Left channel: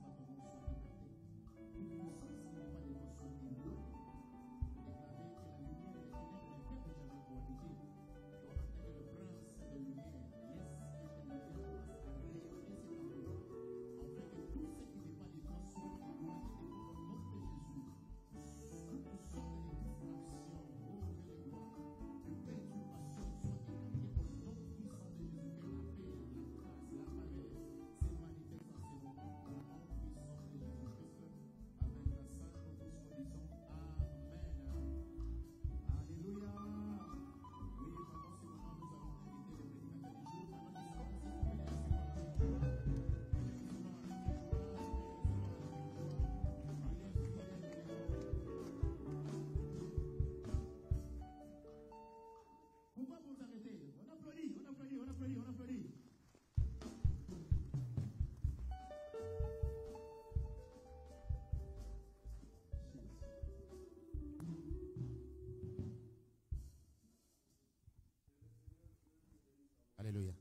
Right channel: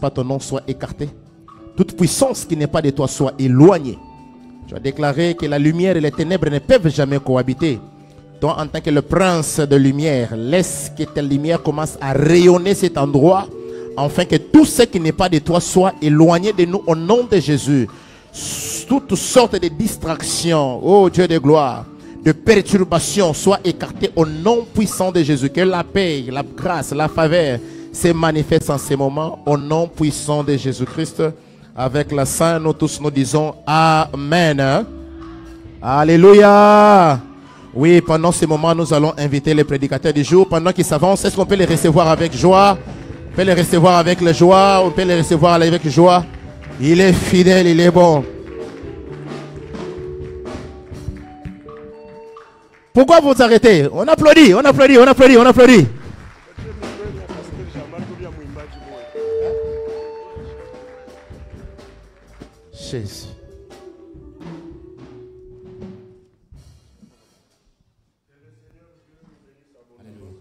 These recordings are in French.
pas ton nom soit écarté. Toute puissance qui n'est pas de toi soit éloignée. Tu as déclaré que la lumière et les ténèbres ne peuvent jamais cohabiter. Toi, en tant que le prince de lumière, laisse que ta lumière commence à rayonner cet endroit, afin que tout ce qui n'est pas de toi soit éloigné de nous au nom de Jésus. Toutes sortes de distractions, oh Dieu de gloire, de perturbations soient écartées au nom puissant de Jésus. Que la paix, la grâce, la faveur se manifestent en ces moments au nom puissant de Jésus-Christ. Avec la sainte, nous tous nous disons Amen. Alléluia. Oui, pendant ces moments, nous allons inviter les prédicateurs du jour. Pendant qu'ils s'avancent, est-ce qu'on peut les recevoir avec joie? On peut les recevoir avec la joie. On peut les recevoir avec joie. Il est fidèle, il est bon. Pourquoi vous arrêtez? On applaudit, on applaudit, on applaudit, on applaudit. Jésus. Alléluia.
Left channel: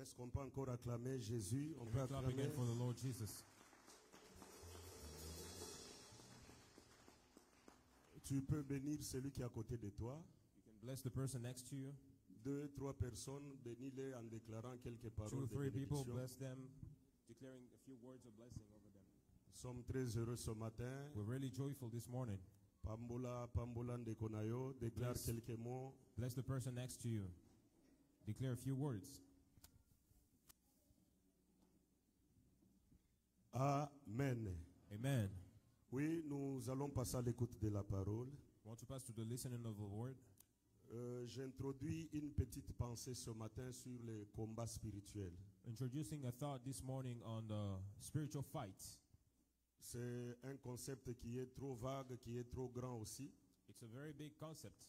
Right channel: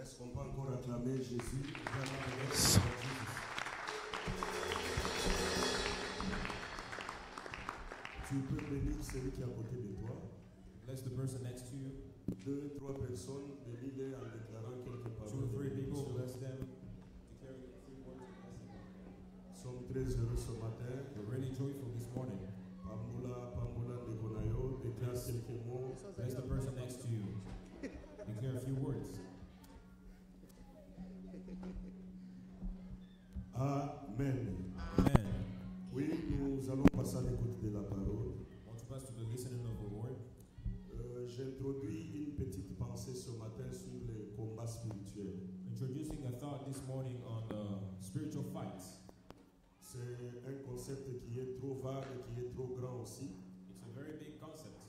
Est-ce qu'on peut encore acclamer Jésus? Tu peux bénir celui qui est à côté de toi. Bless the person next to you. 2, 3 personnes, bénis-les en déclarant quelques paroles. 2 or 3 de people, bénédiction. bless them, declaring a few words of blessing. Nous sommes très heureux ce matin. We're really joyful this morning. Pambola Ndekonayo, déclare quelques mots. Bless the person next to you. Declare a few words. Amen. Amen. Oui, nous allons passer à l'écoute de la parole. I want to pass to the listening of the word. J'introduis une petite pensée ce matin sur les combats spirituels. Introducing a thought this morning on spiritual fights. C'est un concept qui est trop vague, qui est trop grand aussi. It's a very big concept.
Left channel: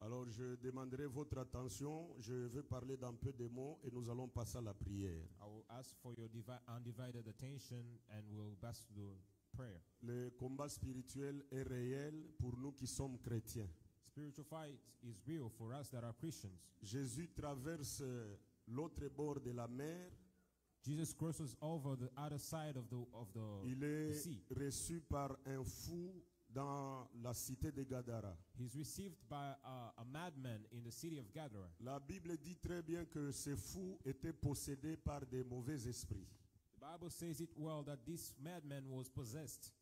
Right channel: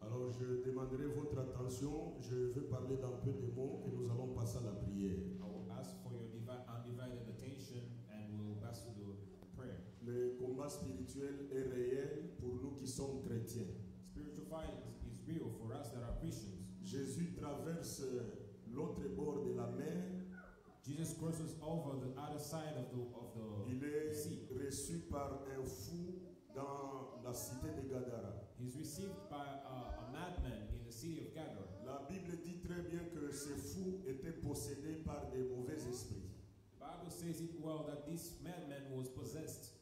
Alors je demanderai votre attention. Je vais parler d'un peu de mots et nous allons passer à la prière. I will ask for your undivided attention and we'll pass to the prayer. Le combat spirituel est réel pour nous qui sommes chrétiens. Spiritual fight is real for us that are Christians. Jésus traverse l'autre bord de la mer. Jesus crosses over the other side of Il the est sea. reçu par un fou dans la cité de Gadara. He's received by a madman in the city of Gadara. La Bible dit très bien que ce fou était possédé par des mauvais esprits. The Bible says it well that this madman was possessed.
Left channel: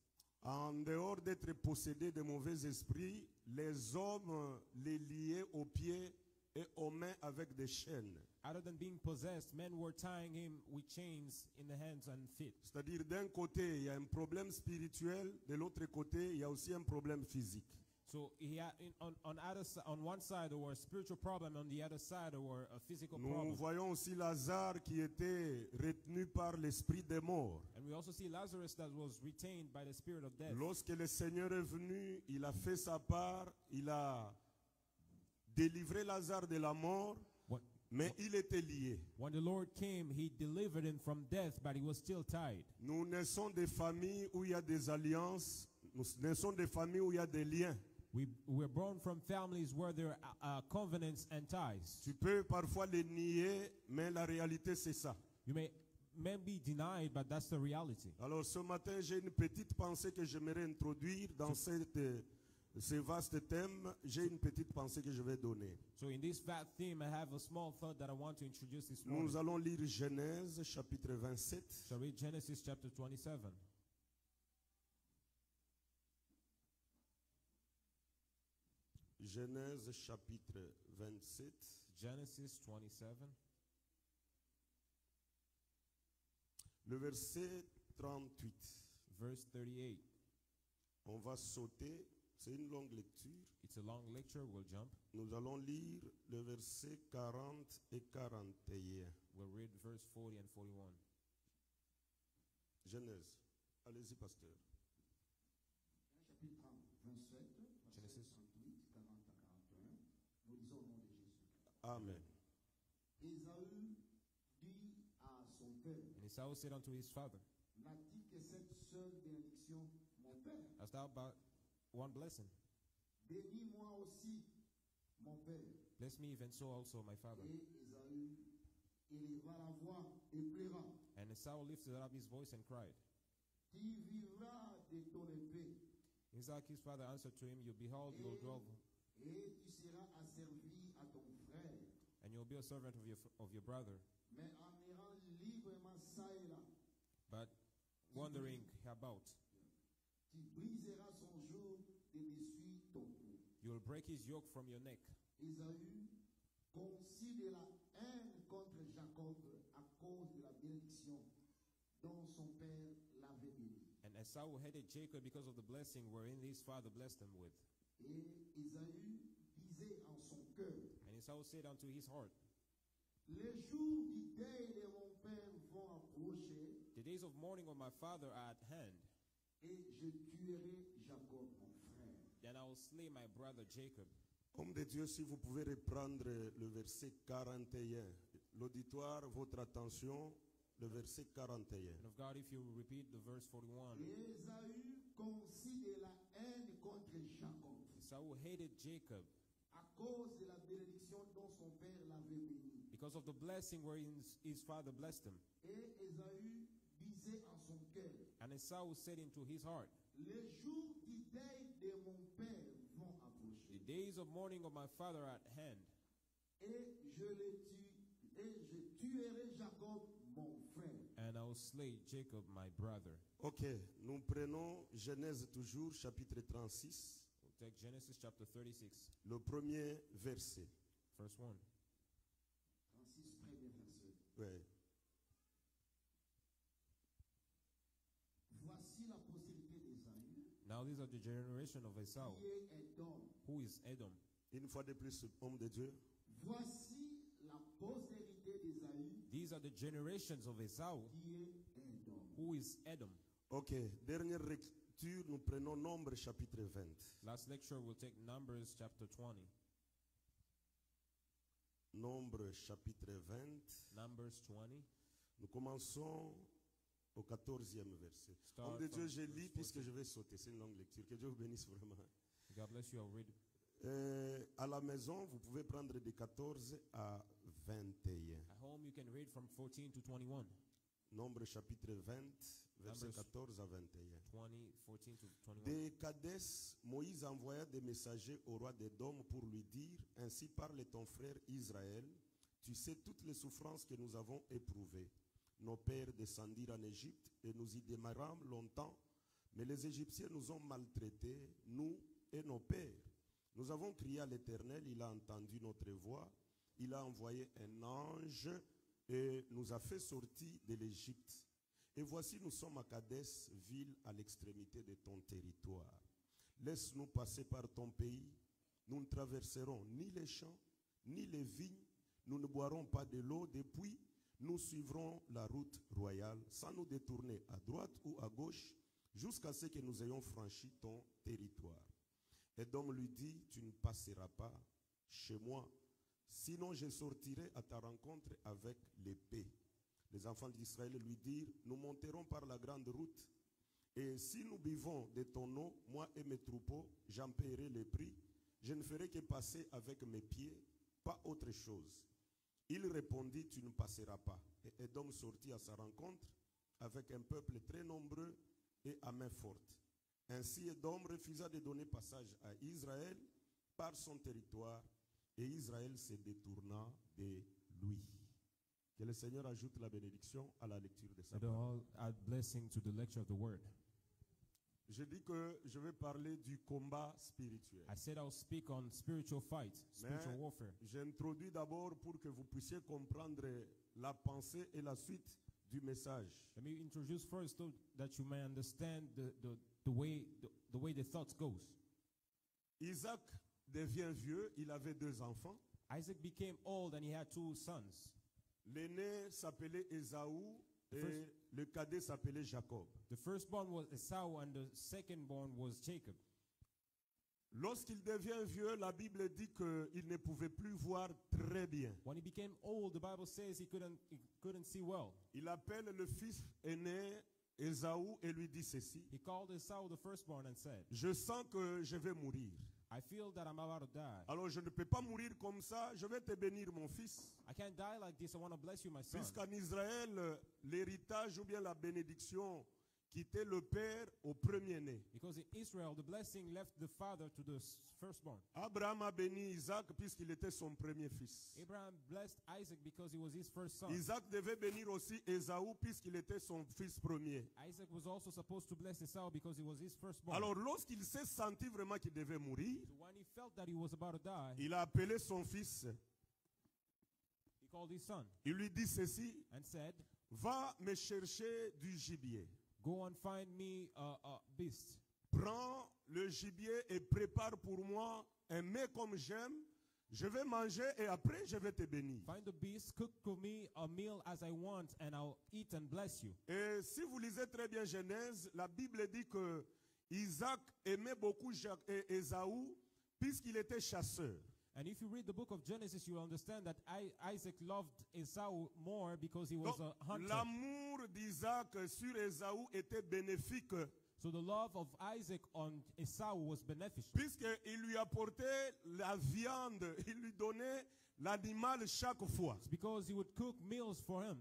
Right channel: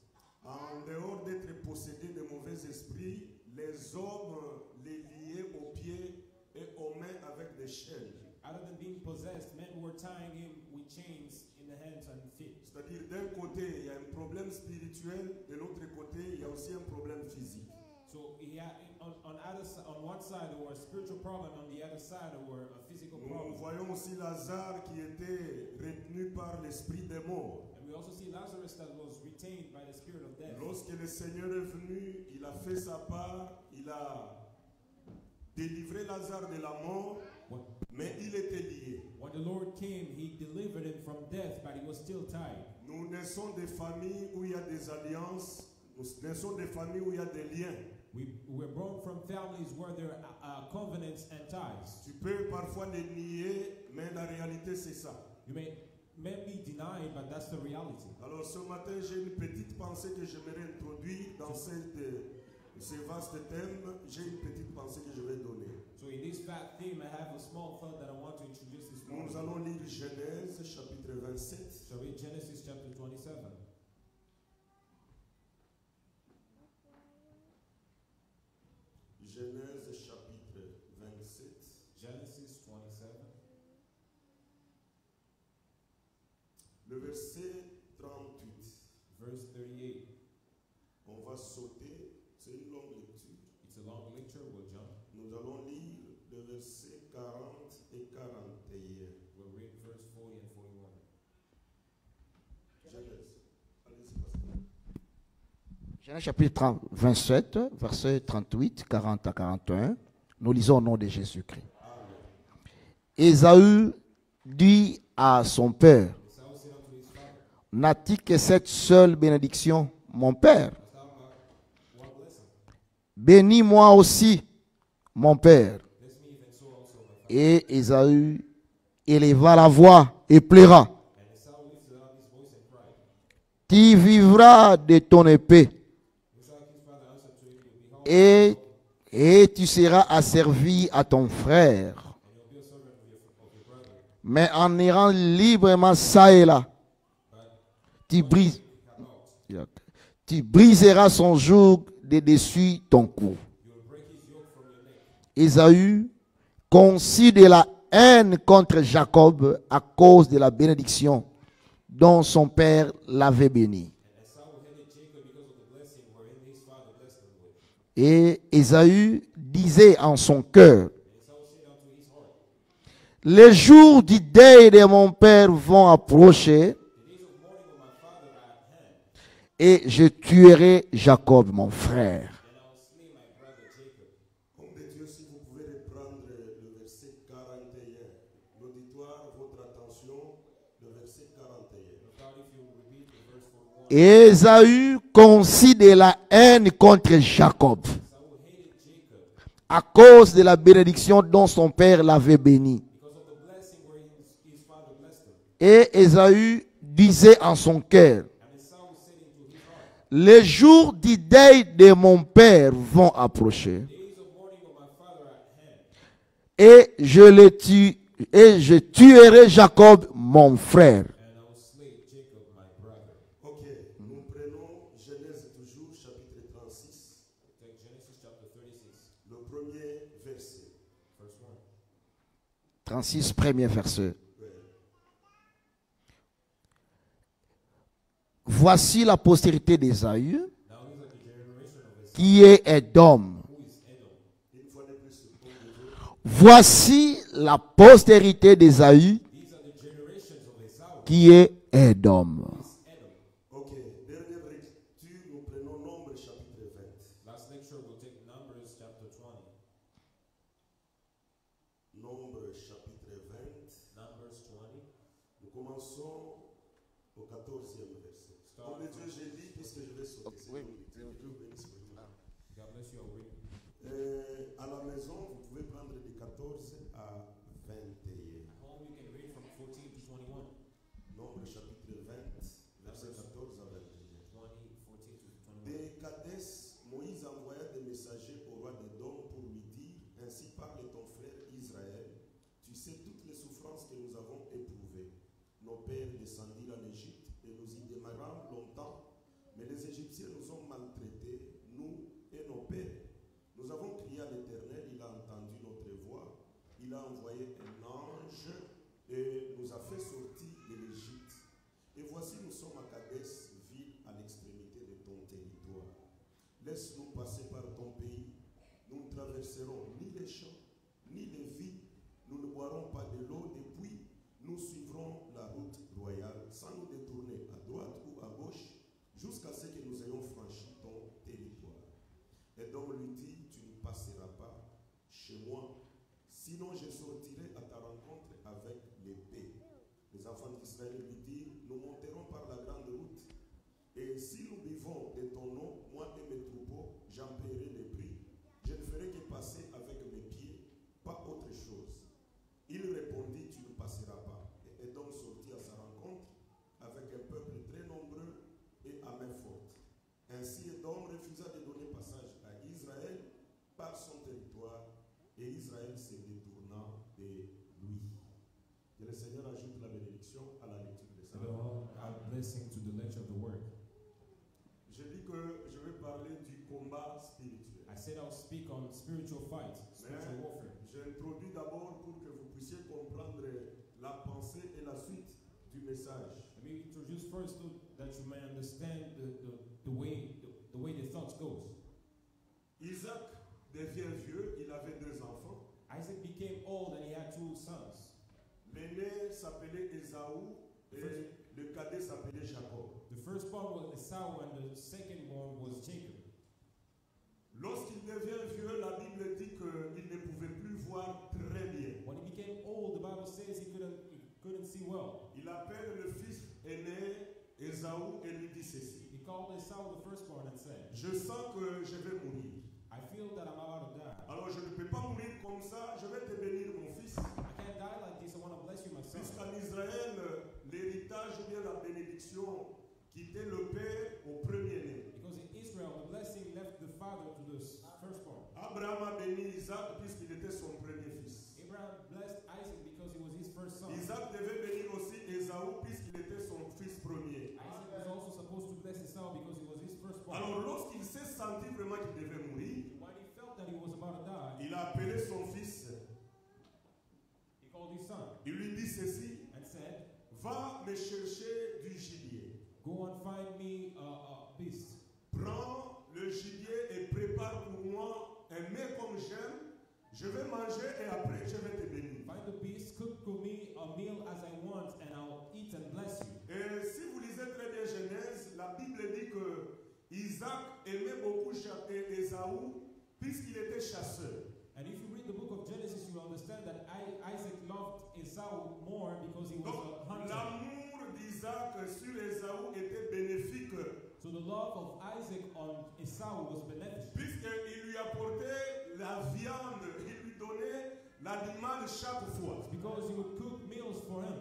En dehors d'être possédé de mauvais esprits, les hommes les liaient aux pieds et aux mains avec des chaînes. Other than being possessed, men were tying him with chains in the hands and feet. C'est-à-dire d'un côté, il y a un problème spirituel, de l'autre côté, il y a aussi un problème physique. So he had on one side there were a spiritual problem, on the other side there were a physical Nous problem. voyons aussi Lazare qui était retenu par l'esprit des morts. And we also see Lazarus that was retained by the spirit of death. Lorsque le Seigneur est venu, il a fait sa part, il a délivré Lazare de la mort, mais il était lié. When the Lord came, he delivered him from death, but he was still tied. Nous naissons des familles où il y a des alliances, nous naissons des familles où il y a des liens. We were born from families where there are covenants and ties. Tu peux parfois les nier, mais la réalité c'est ça. You may be denied, but that's the reality. Alors ce matin, j'ai une petite pensée que j'aimerais introduire dans ce vaste thème. J'ai une petite pensée que je vais donner. So in this fat theme, I have a small thought that I want to introduce this morning. Nous allons lire Genèse chapitre 27. Shall we read Genesis chapter 27? Genèse chapitre 27. Genesis 27. Le verset 38. Verse 38. On va sauter. C'est une longue lecture. It's a long lecture. We'll jump. Nous allons lire le verset 40 et 41. We'll read verse 40 and 41. Genèse. Allez-y, pasteur. Genèse chapitre 27, versets 38, 40 à 41. Nous lisons au nom de Jésus-Christ. Amen. Ésaü dit à son père, Esau said unto his father, n'a-t-il que cette seule bénédiction, mon père? hast thou but one blessing? Bénis-moi aussi, mon père. Bless me even so also, my father. Et Ésaü éleva la voix et pleura. And tu vivras de ton épée, Isaac, his father, answered to him, "You behold, et tu seras asservi à ton frère. and you'll be a servant of your brother. Mais en errant librement ça et là, But tu, brises- about, tu briseras son joug de dessus ton cou. you will break his yoke from your neck." Ésaü conçut de la haine contre Jacob à cause de la bénédiction dont son père l'avait béni. And Esau hated Jacob because of the blessing wherein his father blessed him with. Et Ésaü disait en son cœur, And Esau said unto his heart, les jours du deuil de mon père vont approcher, "The days of mourning of my father are at hand, et je tuerai Jacob, mon frère. then I will slay my brother Jacob." Homme de Dieu, si vous pouvez reprendre le verset 41. L'auditoire, votre attention, le verset 41. Of God, if you repeat the verse 41, Ésaü conçut de la haine contre Jacob Esau hated Jacob à cause de la bénédiction dont son père l'avait béni. because of the blessing wherein his father blessed him. Et Ésaü disait en son cœur, And Esau said into his heart, les jours du deuil de mon père vont approcher, "Days of mourning of my father are at hand, et je tuerai Jacob, mon frère. and I will slay Jacob my brother." Ok, nous prenons Genèse toujours, chapitre 36, Take Genesis chapter 36, le premier verset. verse 1. 36, premier verset. Ouais. Voici la postérité d'Ésaü, Now these are the generation of Esau, qui est Édom. who is Edom. Une fois de plus, homme de Dieu. Voici la postérité d'Ésaü, These are the generations of Esau, qui est Édom. who is Edom. Ok, dernière lecture, nous prenons Nombre chapitre 20. Last lecture we'll take Numbers chapter 20. Nombre chapitre 20. Numbers 20. Nous commençons au 14e verset. Start Homme de Dieu, from je lis puisque je vais sauter. C'est une longue lecture. Que Dieu vous bénisse vraiment. God bless you, I'll read. À la maison, vous pouvez prendre de 14 à 21. At home you can read from 14 to 21. Nombre chapitre 20, verset 14 à 21. 20, 14 to 21. De Kadès, Moïse envoya des messagers au roi d'Édom pour lui dire, ainsi parle ton frère Israël, tu sais toutes les souffrances que nous avons éprouvées. Nos pères descendirent en Égypte et nous y demeurâmes longtemps, mais les Égyptiens nous ont maltraités, nous et nos pères. Nous avons crié à l'Éternel, il a entendu notre voix, il a envoyé un ange et nous a fait sortir de l'Égypte. Et voici, nous sommes à Kadès, ville à l'extrémité de ton territoire. Laisse-nous passer par ton pays. Nous ne traverserons ni les champs, ni les vies. Nous ne boirons pas de l'eau. Depuis, nous suivrons la route royale sans nous détourner à droite ou à gauche jusqu'à ce que nous ayons franchi ton territoire. Édom lui dit, tu ne passeras pas chez moi, sinon je sortirai à ta rencontre avec l'épée. Les enfants d'Israël lui dirent, nous monterons par la grande route, et si nous buvons de ton eau, moi et mes troupeaux, j'en paierai les prix. Je ne ferai que passer avec mes pieds, pas autre chose. Il répondit, tu ne passeras pas. Et Édom sortit à sa rencontre avec un peuple très nombreux et à main forte. Ainsi Édom refusa de donner passage à Israël par son territoire, et Israël se détourna de lui. Que le Seigneur ajoute la bénédiction à la lecture de sa And parole. all our blessing to the lecture of the word. Je dis que je vais parler du combat spirituel. I said I'll speak on spiritual fight, spiritual Mais warfare. j'introduis d'abord pour que vous puissiez comprendre la pensée et la suite du message. Let me introduce first so that you may understand the way the thoughts goes. Isaac devient vieux, il avait 2 enfants. Isaac became old and he had 2 sons. L'aîné s'appelait Ésaü et le cadet s'appelait Jacob. The firstborn was Esau and the secondborn was Jacob. Lorsqu'il devient vieux, la Bible dit qu'il ne pouvait plus voir très bien. When he became old, the Bible says he couldn't see well. Il appelle le fils aîné Ésaü et lui dit ceci. He called Esau the firstborn and said, Je sens que je vais mourir. I feel that I'm about to die. Alors je ne peux pas mourir comme ça, je vais te bénir mon fils. I can't die like this. I want to bless you, my son. Puisqu'en Israël, l'héritage ou bien la bénédiction quittait le père au premier-né. Because in Israel, the blessing left the father to the firstborn. Abraham a béni Isaac puisqu'il était son premier fils. Abraham blessed Isaac because he was his first son. Isaac devait bénir aussi Ésaü puisqu'il était son fils premier. Isaac was also supposed to bless Esau because he was his firstborn. Alors lorsqu'il s'est senti vraiment qu'il devait mourir, When he felt that he was about to die, il a appelé son fils. he called his son Il lui dit ceci, and said, va me chercher du gibier. go and find me a beast. Prends le gibier et prépare pour moi un mets comme j'aime. Je vais manger et après je vais te bénir. Find the beast, cook for me a meal as I want, and I'll eat and bless you. Et si vous lisez très bien Genèse, la Bible dit que Isaac aimait beaucoup Ésaü puisqu'il était chasseur. And if you read the book of Genesis, you will understand that Isaac loved Esau more because he was Donc a hunter. l'amour d'Isaac sur Ésaü était bénéfique So the love of Isaac on Esau was beneficial puisqu'il lui apportait la viande, il lui donnait l'animal chaque fois. because he would cook meals for him.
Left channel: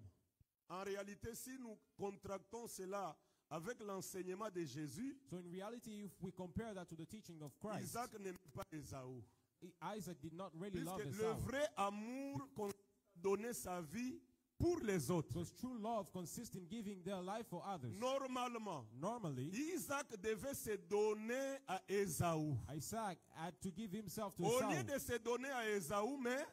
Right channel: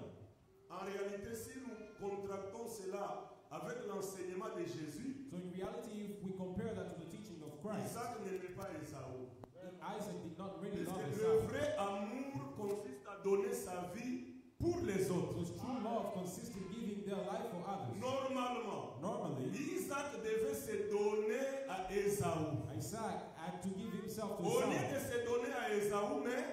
En réalité, si nous contractons cela avec l'enseignement de Jésus, So in reality, if we compare that to the teaching of Christ, Isaac n'aimait pas Ésaü. Isaac did not really love Puisque le Esau. vrai amour consiste à donner sa vie pour les autres. Because true love consists in giving their life for others. Normalement, Normally, Isaac devait se donner à Ésaü. Isaac had to give himself to Au lieu Esau. de se donner à Ésaü, mais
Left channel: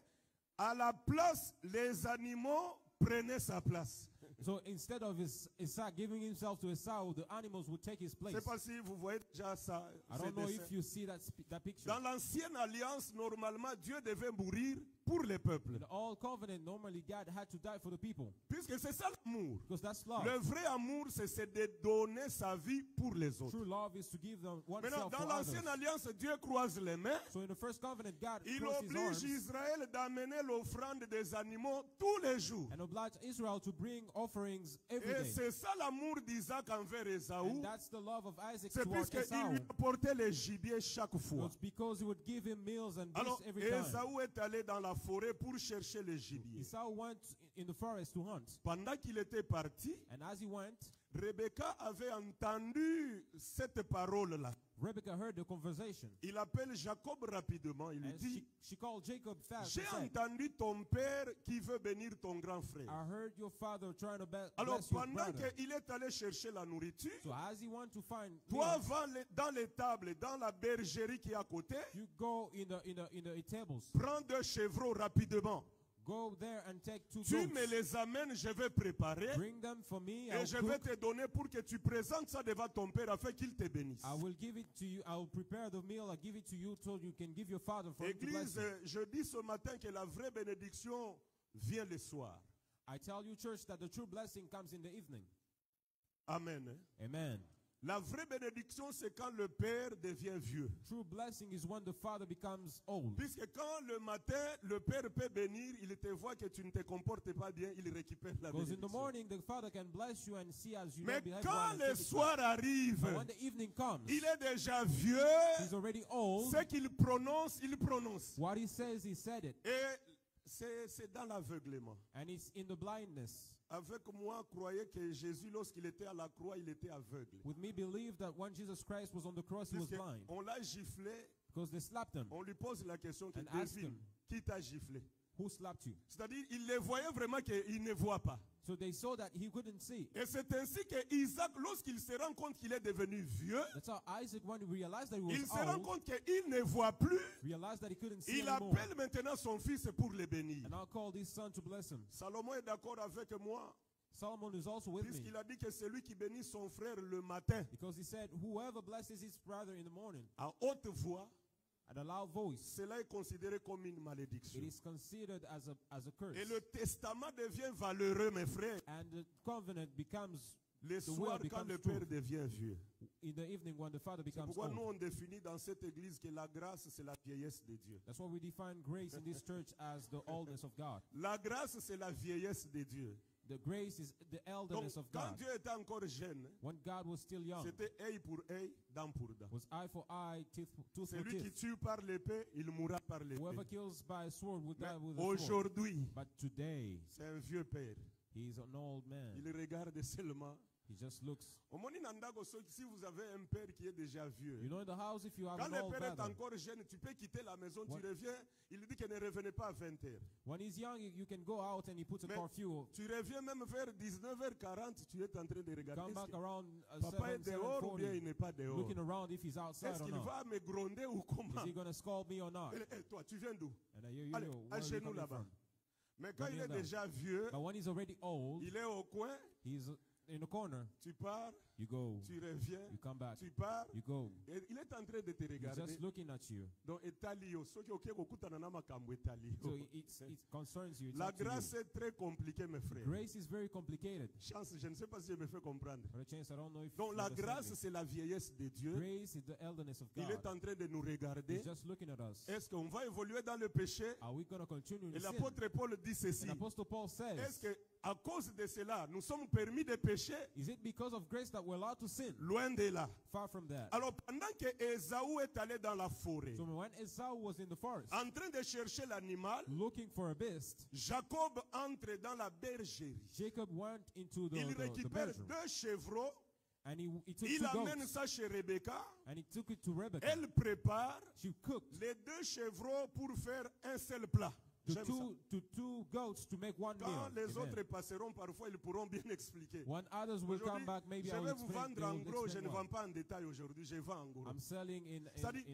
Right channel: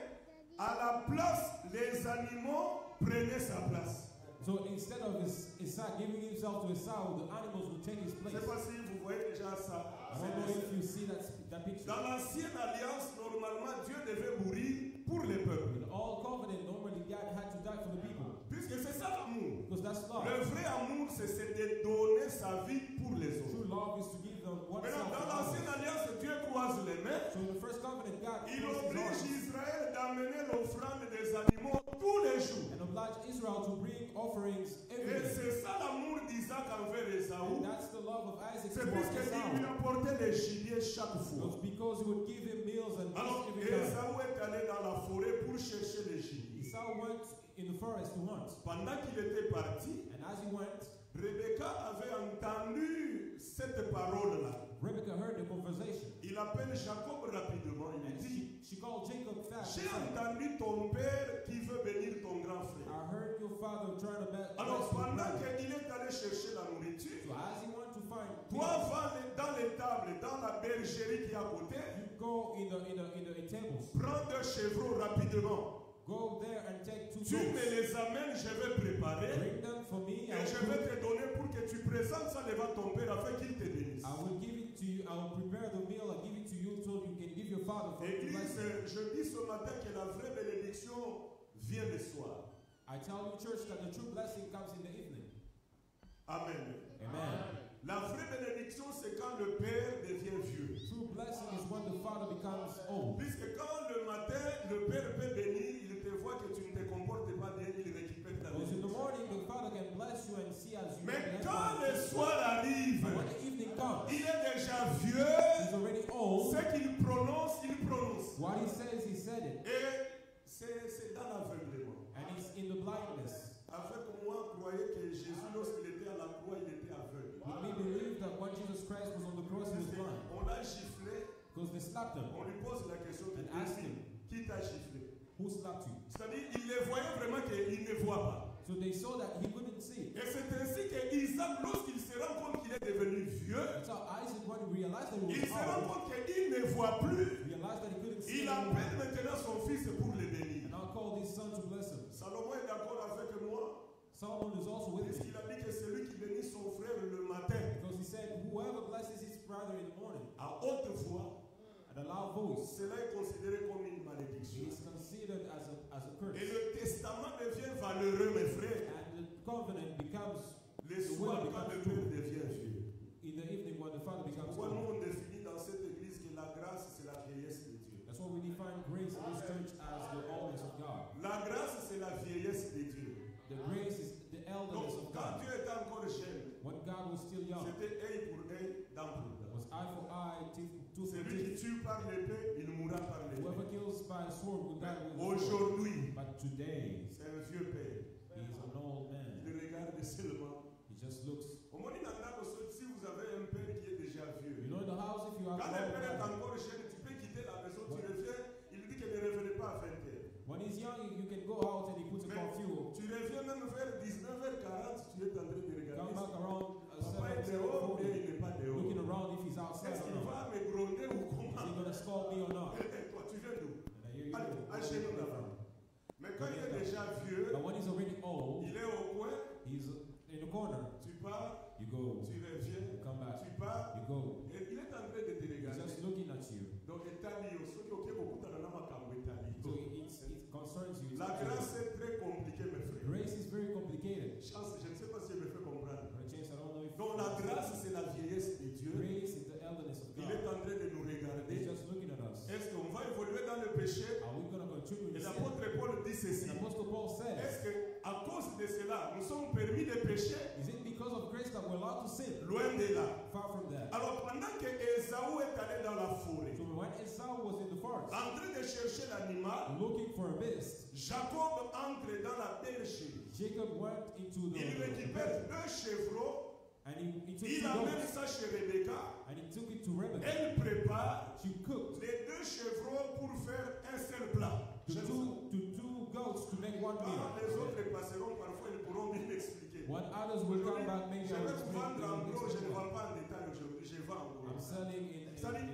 à la place, les animaux prenaient sa place. So instead of Isaac giving himself to Esau, the animals would take his Je ne sais place. pas si vous voyez déjà ça. I don't know if you see that picture. Dans l'ancienne alliance, normalement, Dieu devait mourir pour les peuples. In all covenant, normally God had to die for the people. Puisque c'est ça l'amour. Because that's love. Le vrai amour, c'est de donner sa vie pour les autres. True love is to give them Maintenant, oneself dans for l'ancienne others. alliance, Dieu croise les mains. So in the first covenant, God Il closed his oblige arms Israël d'amener l'offrande des animaux tous les jours. and obliged Israel to bring offerings every Et day. c'est ça l'amour d'Isaac envers And Ésaü. that's the love of Isaac C'est towards puisqu'il Esau. lui apportait les gibiers chaque fois. It's because he would give him meals and Alors, beasts every time. Ésaü est allé dans la forêt pour chercher les gibiers. Esau went in the forest to hunt. Pendant qu'il était parti, And as he went, Rebecca avait entendu cette parole-là. Rebecca heard the conversation. Il appelle Jacob rapidement. Il lui And dit, she called Jacob fast. j'ai and said, entendu ton père qui veut bénir ton grand frère. I heard your father trying to bless Alors, your pendant brother. qu'il est allé chercher la nourriture, So as he went to find toi, meals, va dans les tables, dans la bergerie qui est à côté, you go in the tables. prends 2 chevreaux rapidement. Go there and take 2 Tu me goats. les amènes, je vais préparer. Bring them for me. Et je vais te donner pour que tu présentes ça devant ton père afin qu'il te bénisse. I will give it to you. I will prepare the meal. I'll give it to you so you can give your father for him to bless Église, you. je dis ce matin que la vraie bénédiction vient le soir. I tell you, church, that the true blessing comes in the evening. Amen. Amen. La vraie bénédiction, c'est quand le père devient vieux. True blessing is when the father becomes old. Puisque quand le matin, le père peut bénir, il te voit que tu ne te comportes pas bien, il récupère la Because in the bénédiction. morning, the father can bless you and see as you Mais behave quand well. le soir arrive, But when the evening comes, il est déjà vieux. he's already old. Ce qu'il prononce, il prononce. What he says, he said it. Et c'est dans l'aveuglement. And it's in the blindness. Avec moi, croyez que Jésus, lorsqu'il était à la croix, il était aveugle. With me, believe that when Jesus Christ was on the cross, he was Puisque blind. on l'a giflé, Because they slapped him. on lui pose la question And asked him, qui t'a giflé? who slapped you? C'est-à-dire, il les voyait vraiment qu'il ne voit pas. So they saw that he couldn't see. Et c'est ainsi que Isaac, lorsqu'il se rend compte qu'il est devenu vieux, That's how Isaac, when he realized that he il was se rend old, compte qu'il ne voit plus. realized that he couldn't see Il anymore. appelle maintenant son fils pour le bénir. And I'll call his son to bless him. Salomon est d'accord avec moi, Solomon is also with me. puisqu'il a dit que celui qui bénit son frère le matin, Because he said, whoever blesses his brother in the morning à haute voix, at a loud voice, cela est considéré comme une malédiction. it is considered as a curse. Et le testament devient valeureux, mes frères, And the covenant becomes le the soir will quand le becomes père true devient vieux. in the evening when the father becomes Pourquoi nous old. on définit dans cette église que la grâce c'est la vieillesse de Dieu. That's why we define grace in this church as the oldness of God. La grâce c'est la vieillesse de Dieu. The grace is the Donc elderness of quand God. Dieu était encore jeune, When God was still young, c'était œil pour œil, dent pour dent. was eye for eye, tooth for Celui qui tooth. tue par l'épée, il mourra par Whoever l'épée. kills by a sword will die with a sword. Aujourd'hui, But today, c'est un vieux père. he is an old man. Il regarde seulement He just looks. Au monde Nandabo, si vous avez un père qui est déjà vieux, You know, in the house, if you have quand an le old père est brother, encore jeune, tu peux quitter la maison, tu What? reviens, il dit que ne revenez pas à 20h. when he's young, you can go out and he puts a Mais curfew. tu reviens même vers 19h40, tu es en train de regarder. Come back around Papa est 7, dehors ou bien 7:40, il n'est pas dehors. looking around if he's outside Est-ce or qu'il not. va me gronder ou Is comment? he going to scold me or not? Toi, tu viens d'où? And I hear you. Allez, Where à are chez you nous coming là-bas. from? Mais quand il est Regarde. déjà vieux, But when he's already old, il est au coin, he's in the corner. tu pars, You go, tu reviens, you come back, tu pars, you go. et il est en train de te He's regarder. just looking at you. Donc, etali yo, soki oke kokutana na makambo etali So yo. it concerns you. It's La up to you. grâce est très compliquée, mes frères. Grace is very complicated. Chance, je ne sais pas si je me fais comprendre. For a chance, I don't know if. Donc, la grâce, c'est la vieillesse de Dieu. Grace is the elderness of Il God. est en train de nous He's regarder. just looking at us. Est-ce qu'on va évoluer dans le péché? Are we going to continue Et in sin? l'apôtre Paul dit ceci. And Apostle Paul Est-ce says, que à cause de cela, nous sommes permis de pécher? is it because of grace that we're allowed to sin? Loin de là. Far from that. Alors pendant que Ésaü est allé dans la forêt, So when Esau was in the forest, en train de chercher l'animal, looking for a beast, Jacob entre dans la bergerie. Jacob went into Il the récupère bergerie, 2 chevreaux, and he took il 2 amène goats, ça chez Rebecca. and he took it to Rebekah. Elle prépare She cooked les 2 chevreaux pour faire un seul plat. the J'aime ça. two goats to make one meal. Quand les Amen. autres passeront, parfois ils pourront bien expliquer. When others will Aujourd'hui, come back, maybe je I will vais vous explain. vendre en they will gros, je explain ne more. vends pas en détail aujourd'hui, je vends en gros. I'm selling in C'est-à-dire,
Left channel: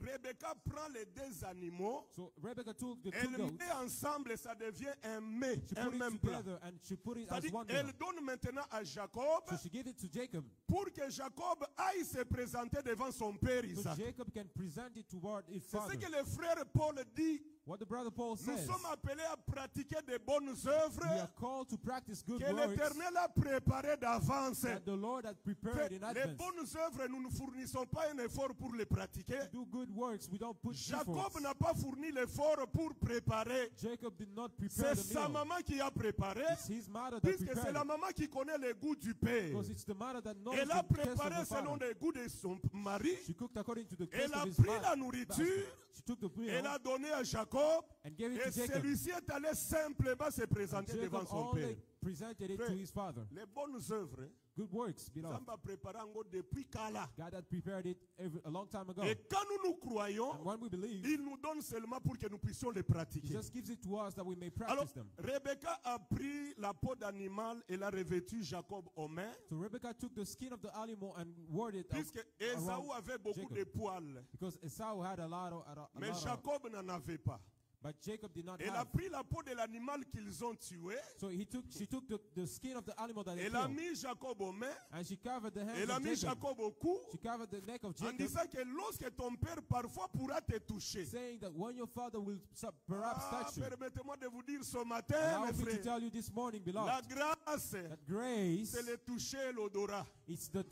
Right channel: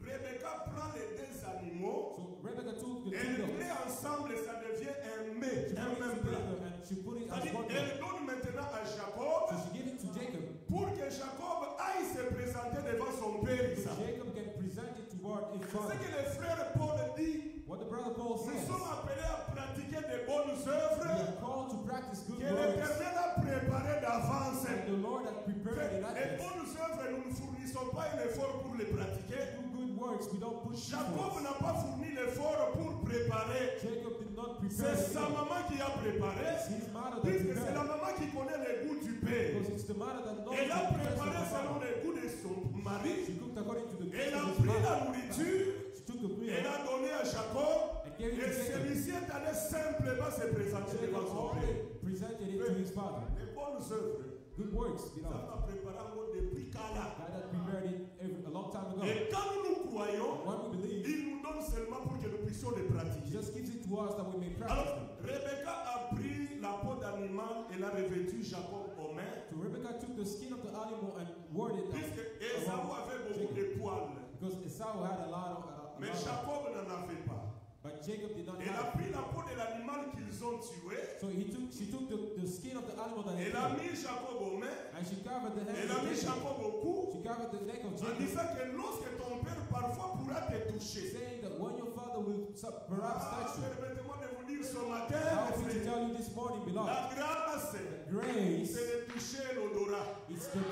Rebecca prend les 2 animaux, So Rebecca took the 2 elle goats. met ensemble, ça devient un mets, She un put même it plat. together and she put it as C'est-à-dire, one meal. elle donne maintenant à Jacob So she gave it to Jacob. pour que Jacob aille se présenter devant son père So Isaac. Jacob can present it toward his C'est father. ce que le frère Paul dit. What the brother Paul Nous says. sommes appelés à pratiquer de bonnes We œuvres are called to practice good que works l'Éternel a préparées d'avance. that the Lord has prepared in Les advance. bonnes œuvres, nous ne fournissons pas un effort pour les pratiquer. Do good works, we don't put Jacob efforts. n'a pas fourni l'effort pour préparer. Jacob did not prepare C'est the sa meal. maman qui a préparé. It's his mother that Puisque c'est la prepared. maman qui connaît le goût du père. Because it's the mother that knows Elle a the taste préparé of the selon father. le goût de son mari. She cooked according to the taste Elle a of his pris la mother. nourriture. She took the meal. Elle a donné à Jacob. And gave it Et to Jacob. celui-ci est allé simplement se présenter devant Jacob son only père. presented it to his father. Les bonnes œuvres, Good works, ça beloved. m'a préparé encore depuis Kala. God had prepared it a long time ago. Et quand nous croyons, And when we believe, il nous donne seulement pour que nous puissions les He pratiquer. just gives it to us that we may Alors, practice them. Rebecca a pris la peau d'animal et l'a revêtu Jacob aux mains. So Rebecca took the skin of the animal and wore it Puisque Ésaü around avait beaucoup Jacob. de poils, Because Esau had a lot of, mais Jacob n'en avait pas. but Jacob did not Elle a have. pris la peau de l'animal qu'ils ont tué. So she took the skin of the animal that they Elle a killed, mis Jacob aux mains. and she covered the Elle hands a of mis Jacob. Jacob au cou. She covered the neck of En Jacob, disant que lorsque ton père parfois pourra te toucher. saying that when your father will perhaps touch you. Permettez-moi de vous dire ce matin, Allow mes me to frères, tell you this morning, beloved, la grâce, grace, c'est le toucher et l'odorat. it's the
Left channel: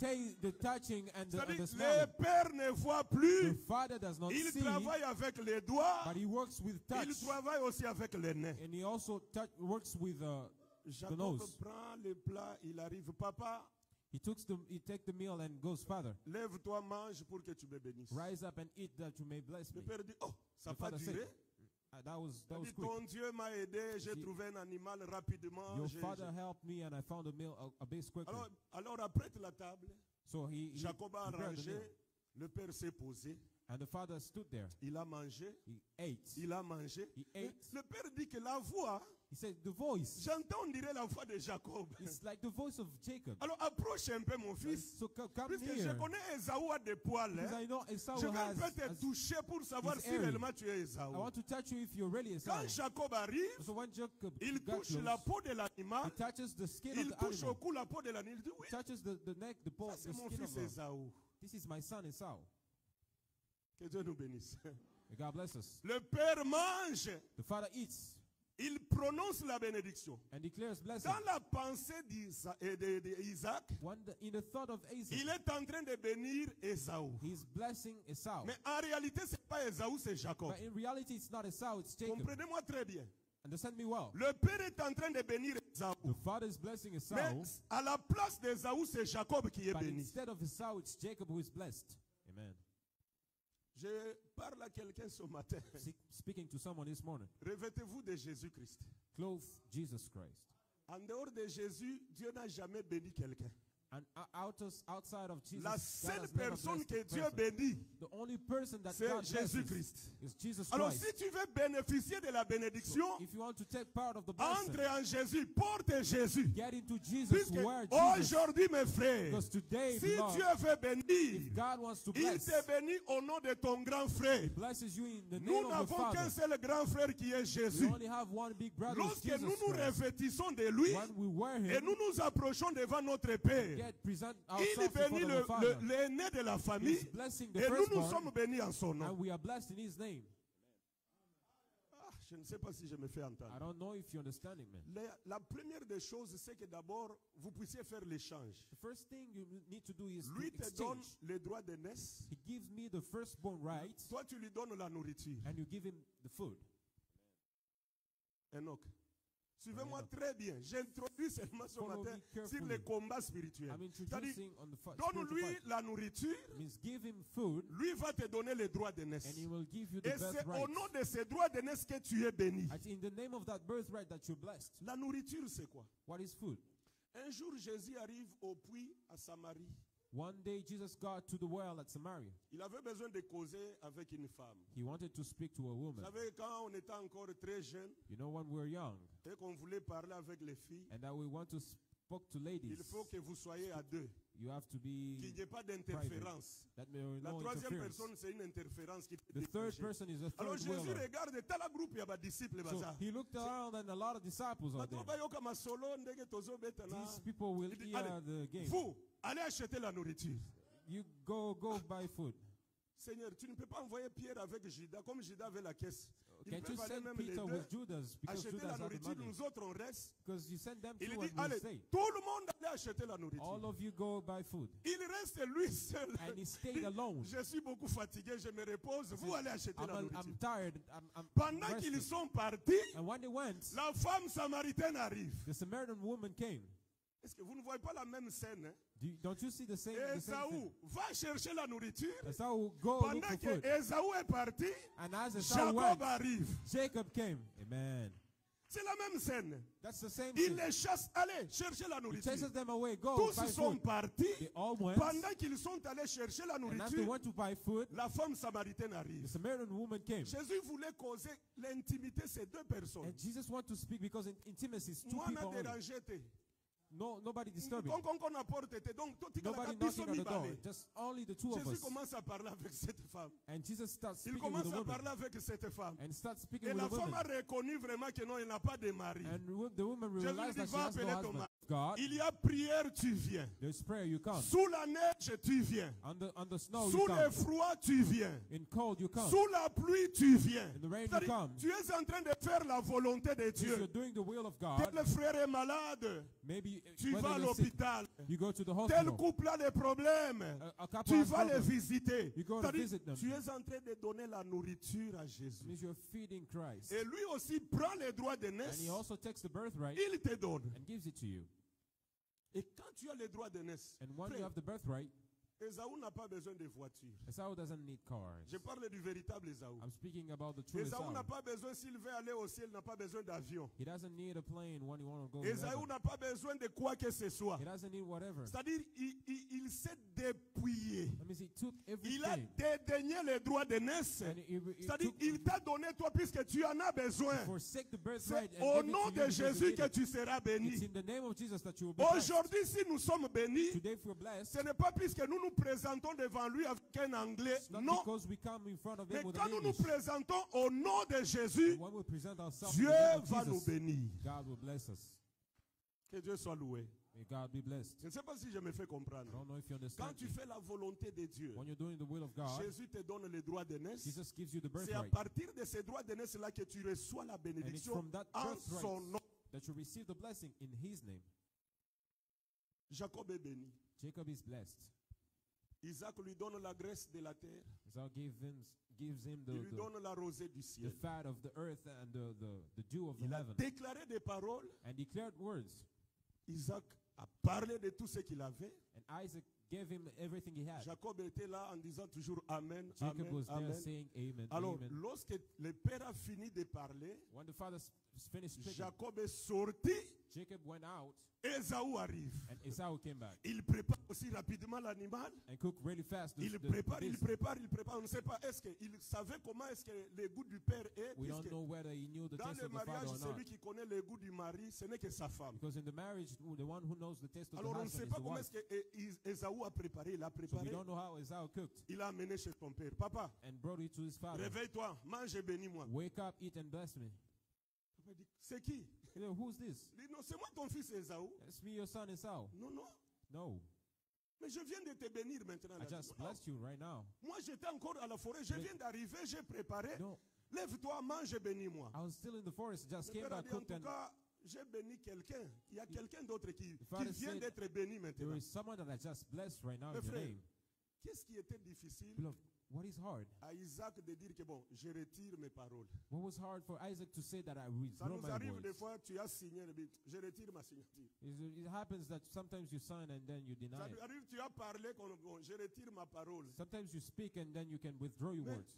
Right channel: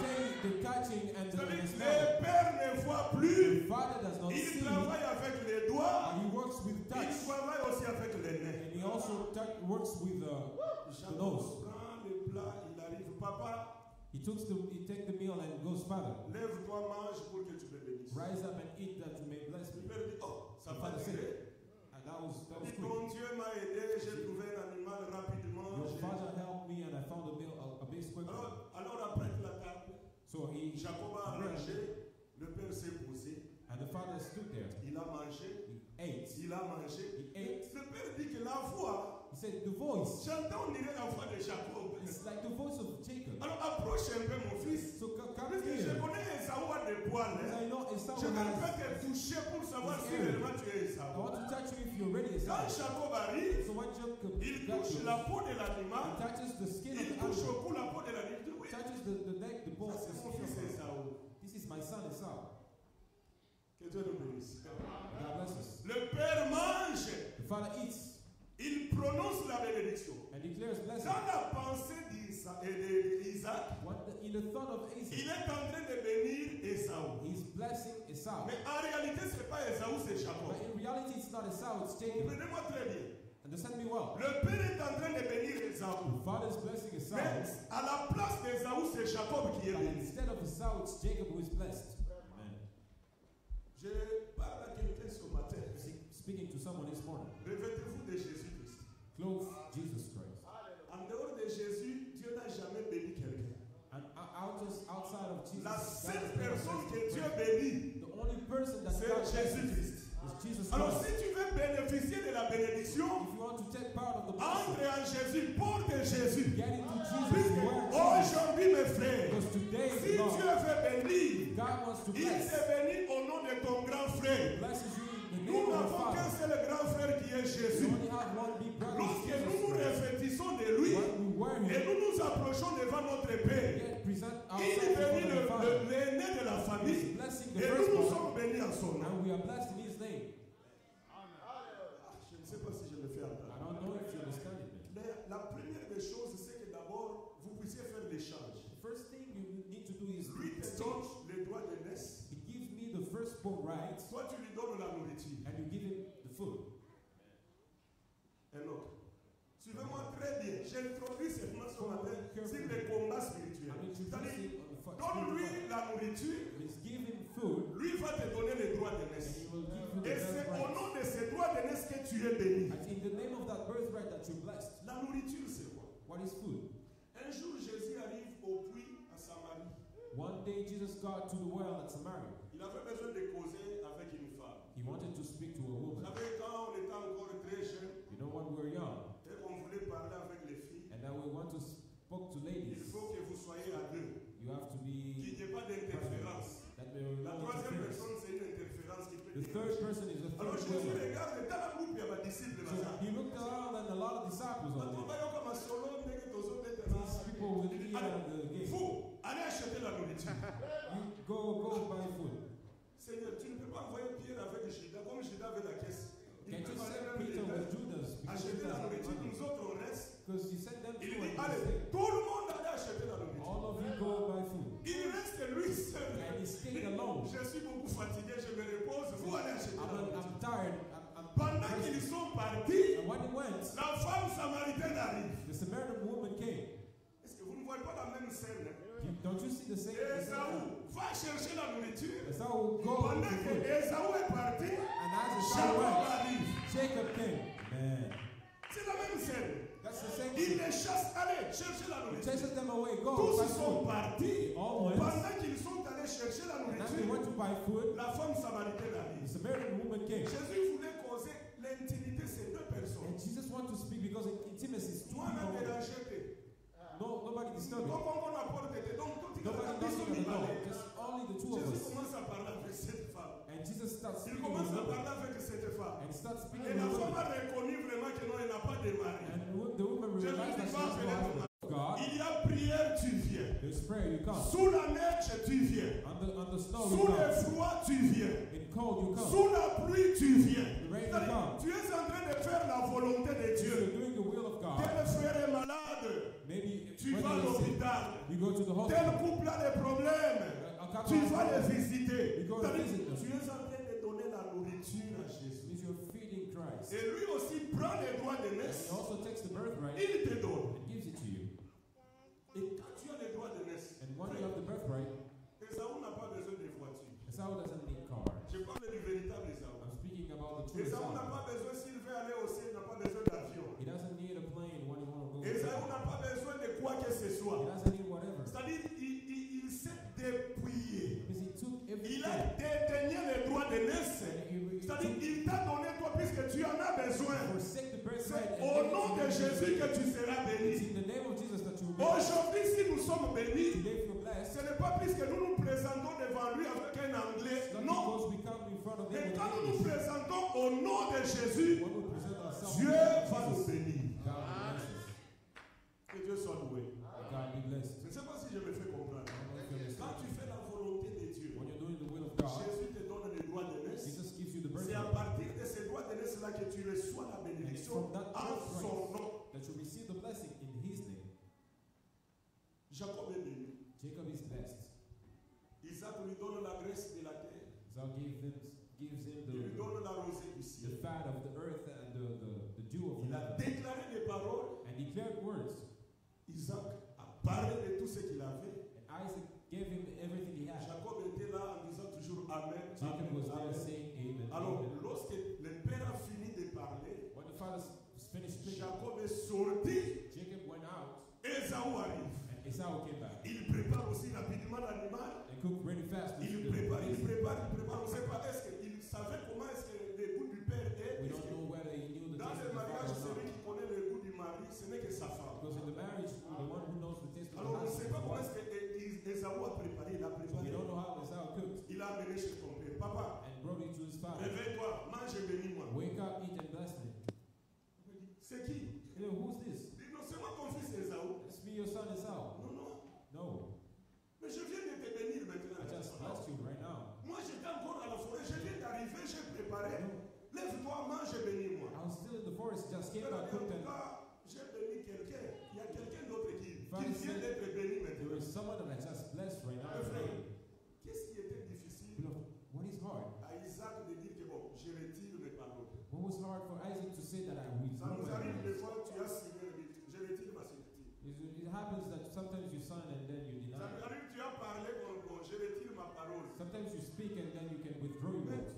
touching and the C'est-à-dire, smell. le père ne voit The plus. father does not Il see, travaille avec les doigts. but he works with Il touch, travaille aussi avec les nez. and he also works with the Jacob nose. prend le plat, il arrive. Papa, He takes the meal and goes, Father, lève-toi, mange pour que tu me bénisses. rise up and eat that you may bless Le me. père dit, oh, ça The va father said, durer. that was Il dit, quick. ton Dieu m'a aidé, j'ai trouvé un animal rapidement. Your j'ai- father helped me and I found a meal a bit quicker. Alors apprête la table. So he Jacob a prepared the meal, arrangé, le père s'est posé, and the father stood there. il a mangé, He ate. il a mangé. He ate. Le père dit que la voix, He said, the voice, j'entends, on dirait la voix de Jacob. it's like the voice of Jacob. Alors approche un peu mon fils. So come Parce que je here. connais Esaü a des poils. Because hein. I know Esau Je vais has. peut-être te toucher pour savoir his si area. réellement tu es I Esaü. want to touch you if you're ready, Esau. Quand Jacob arrive, So when Jacob il got touche close, la peau de he l'animal, touches the skin of il the touche au animal, cou la peau de l'animal. Il dit, oui, touches the neck, the bone, ça the c'est mon skin fils of the. Esaü. This is my son Esau. Que Dieu nous bénisse. God bless us. Le père mange, The father eats il prononce la bénédiction. and declares blessing. Dans la pensée d'Isaac, In the thought of il Isaac, est en train de bénir Esaü. he's blessing Esau. Mais en réalité, ce n'est pas Esaü, c'est Jacob. But in reality, it's not Esau, it's Jacob. Comprenez-moi très bien. Understand me well. Le père est en train de bénir Esaü. The father is blessing Esau, Mais à la place d'Esaü, c'est Jacob qui est but béni. instead of Esau, it's Jacob who is blessed. Amen. Je parle à quelqu'un ce matin. Speaking to someone this morning, Revêtez-vous de Jésus-Christ. clothe Jesus Christ. En dehors de Jésus, Dieu n'a jamais béni quelqu'un. And outside of Jesus, La God seule has never personne blessed que Dieu the person. bénit, The only person that c'est God blesses Jésus-Christ. is Jesus Alors Christ. si tu veux bénéficier de la bénédiction, If you want to take part of the blessing, entre en Jésus, porte Jésus. get into Jesus, Puisque wear Jesus. aujourd'hui, mes frères, Because today, si Lord, Dieu veut bénir, God wants to il bless. te bénit au nom de ton grand frère. Blesses you in the name Nous of the n'avons qu'un Father. seul grand frère qui est We Jésus. only have one big brother, Lorsque Jesus nous nous Christ. revêtissons de lui When we wear et him, nous nous approchons devant notre Père, get present il ourselves bénit before the Father. l'aîné de la He's famille blessing the et nous nous firstborn, sommes bénis en son nom. and we are blessed in His name. Je ne sais pas si je me fais I entendre. don't know if you understand it, man. La première des choses, c'est que d'abord, vous puissiez faire l'échange. The first thing you need to do is to Lui te donne exchange. les droits d'aînesse, He gives me the firstborn rights, toi tu lui donnes la nourriture. and you give him the food. Enoch, suivez-moi très bien. J'introduis seulement ce Follow matin me carefully. sur les combats spirituels. I'm C'est-à-dire, introducing on the donne-lui spiritual la nourriture, fight. Means give him food, lui va te donner les droits and d'aînesse. he will give you the Et c'est au birthright. nom de ces droits d'aînesse que tu es béni. And in the name of that birthright that you're blessed. La nourriture, c'est quoi? What is food? Un jour, Jésus arrive au puits à Samarie. One day Jesus got to the well at Samaria. Il avait besoin de causer avec une femme. He wanted to speak to a Vous woman. savez, quand on était encore très jeune You know, when we were young, et qu'on voulait parler avec les filles, and that we want to speak to il ladies, faut que vous soyez à deux. you have to Qu'il be n'y ait pas d'interférence. that there are La no troisième interference. personne, c'est une interférence qui peut The third déclencher. person is the Alors third Jésus wheeler. regarde, dans la groupe, il y a des disciples. So he looked around and a lot of disciples on Maintenant, there. on va comme un solo, ndenge tozo bêta na. These people will Il dit, hear allez, the game. vous, allez acheter la nourriture. You go buy food. Seigneur, tu ne peux pas envoyer Pierre avec Judas, comme Judas avait la caisse. Ils Can't you peuvent aller send même les Peter deux, with Judas because acheter Judas la had nourriture, money? nous autres on reste. Because you send them Il two dit, and you allez, stay. tout le monde allait acheter la nourriture. All of you go buy food. Il reste lui seul. And he stayed alone. Je suis beaucoup fatigué, je me repose. Vous allez acheter la I'm nourriture. tired. I'm Pendant resting. qu'ils sont partis, And when they went, la femme samaritaine arrive. the Samaritan woman came. Est-ce que vous ne voyez pas la même scène? Hein? Don't you see the same thing? Ésaü va chercher la nourriture. Esau will go Pendant with the que food. Ésaü est parti, And as Esau Jacob went, arrive. Jacob came. Man, C'est la même scène. that's the same Il thing. les chasse. Allez, cherchez la He nourriture. chases them away. Go Tous buy ils sont food. partis. They all went. Pendant qu'ils sont allés chercher la And as they nourriture, went to buy food, la femme samaritaine the arrive. Samaritan woman came. Jésus voulait causer l'intimité de ces deux personnes. And Jesus wanted to speak because in intimacy is two Moi, people on a only. dérangé. No, nobody disturbing. Donc, on apporte, donc, tout Nobody knocking on the door. Just only the two of Jésus us. commence à parler avec cette femme. And Jesus starts Il speaking with commence the à woman. parler avec cette femme. And he starts speaking Et with la the femme woman. a reconnu vraiment que non, il n'a pas de mari. And the woman Jésus realized dit, that she va has no appeler ton husband. mari. God, Il y a prière, tu viens. there's prayer, you come. Sous la neige, tu viens. On the snow, you Sous le come. froid, tu viens. In cold, you come. Sous la pluie, tu viens. The rain, you C'est-à-dire, come. tu es en train de faire la volonté de If you're Dieu. doing the will of God, Tel frère est malade, maybe tu whether vas à you're sick, l'hôpital. you go to the Tel hospital. couple a des problèmes. A couple Tu has vas les problems. visiter. You go to C'est-à-dire, visit them. tu es en train de donner la nourriture à Jésus. Means you're feeding Christ. Et lui aussi prend les droits And d'aînesse. he also takes the birthright Il te donne. and gives it to you. Et quand tu as les droits d'aînesse, And when you have the birthright, Esaü n'a pas besoin de voiture. Esau doesn't need cars. Je parle du véritable Esaü. I'm speaking about the true Esaü Esau. n'a pas besoin, s'il veut aller au ciel, n'a pas besoin d'avion. He doesn't need a plane when you want to go. Esaü He n'a pas besoin de quoi que ce soit. doesn't need whatever. C'est-à-dire, il s'est dépouillé. That means he took Il everything. a dédaigné les droits d'aînesse. And he C'est-à-dire, took, il t'a donné toi puisque tu en as besoin. forsake the C'est birthright and au give it nom to de him. Jésus que tu seras It's béni. in the name of Jesus that you will be blessed. Aujourd'hui, si nous sommes bénis, Today, if you're blessed, ce n'est pas puisque nous nous présentons devant lui avec un anglais. it's not Non. because we come in front of him Mais with quand an nous nous English. présentons au nom de Jésus, When we present ourselves Dieu in the name va of nous Jesus, bénir. God will bless us. Que Dieu soit loué. May God be blessed. Je ne sais pas si je me fais comprendre. I don't know if you Quand understand. tu fais la volonté de Dieu, When you're doing the will of God, Jésus te donne les droits d'aînesse. Jesus gives you the C'est à birthright. partir de ces droits d'aînesse-là que tu reçois la And it's bénédiction from that en son birthright nom. that you receive the blessing in His name. Jacob est béni. Jacob is blessed. Isaac lui donne la graisse de la terre. Esau gives him Il lui donne la rosée du the ciel. fat of the earth and the dew of Il a heaven. déclaré des paroles. And declared words. Isaac a parlé de tout ce qu'il avait. And Isaac gave him everything he had. Jacob était là en disant toujours Amen. Jacob Amen, was there Amen. saying amen, Alors, amen. lorsque le père a fini de parler, When the father finished speaking, Jacob est sorti Jacob went out Ésaü arrive. And Esau came back Il prépare aussi rapidement l'animal. and cooked really fast. Il prépare. On ne sait pas, est-ce qu'il savait comment est-ce que le goût du père est. We Est-ce don't que know whether he knew the dans taste le of the mariage, father or celui not. qui connaît le goût du mari, ce n'est que sa femme. Because in the marriage, the one who knows the taste of Alors the on ne husband sait is pas the comment wife. est-ce que Ésaü a préparé. Il a So we préparé. don't know how Esau cooked Il a amené chez ton père. Papa, and brought it to his father. réveille-toi, mange et bénis-moi. Wake up, eat and bless me. Papa dit, c'est qui? You know, who's this? Il dit, non, c'est moi ton fils Ésaü. It's me, your son Esau. Non, non. No, Mais je viens de te bénir maintenant. I just blessed you right now. Moi j'étais encore à la forêt, je viens d'arriver, j'ai préparé. No. Lève-toi, mange et bénis-moi. I was still in the forest, just came Père a back, dit, en cooked, tout and cas, j'ai béni quelqu'un. Il y a quelqu'un d'autre qui Father vient said, d'être béni there maintenant. is someone that I just blessed right now. Mes frères, Today. qu'est-ce qui était difficile Beloved, what is hard? à Isaac de dire que bon, je retire mes paroles? What was hard for Isaac to say that I Ça withdraw nous my arrive des words? fois, tu as signé le but, je retire ma signature. It happens that sometimes you sign and then you Ça deny. nous arrive, tu as parlé, bon, je retire ma parole. Sometimes you speak and then you can withdraw your words.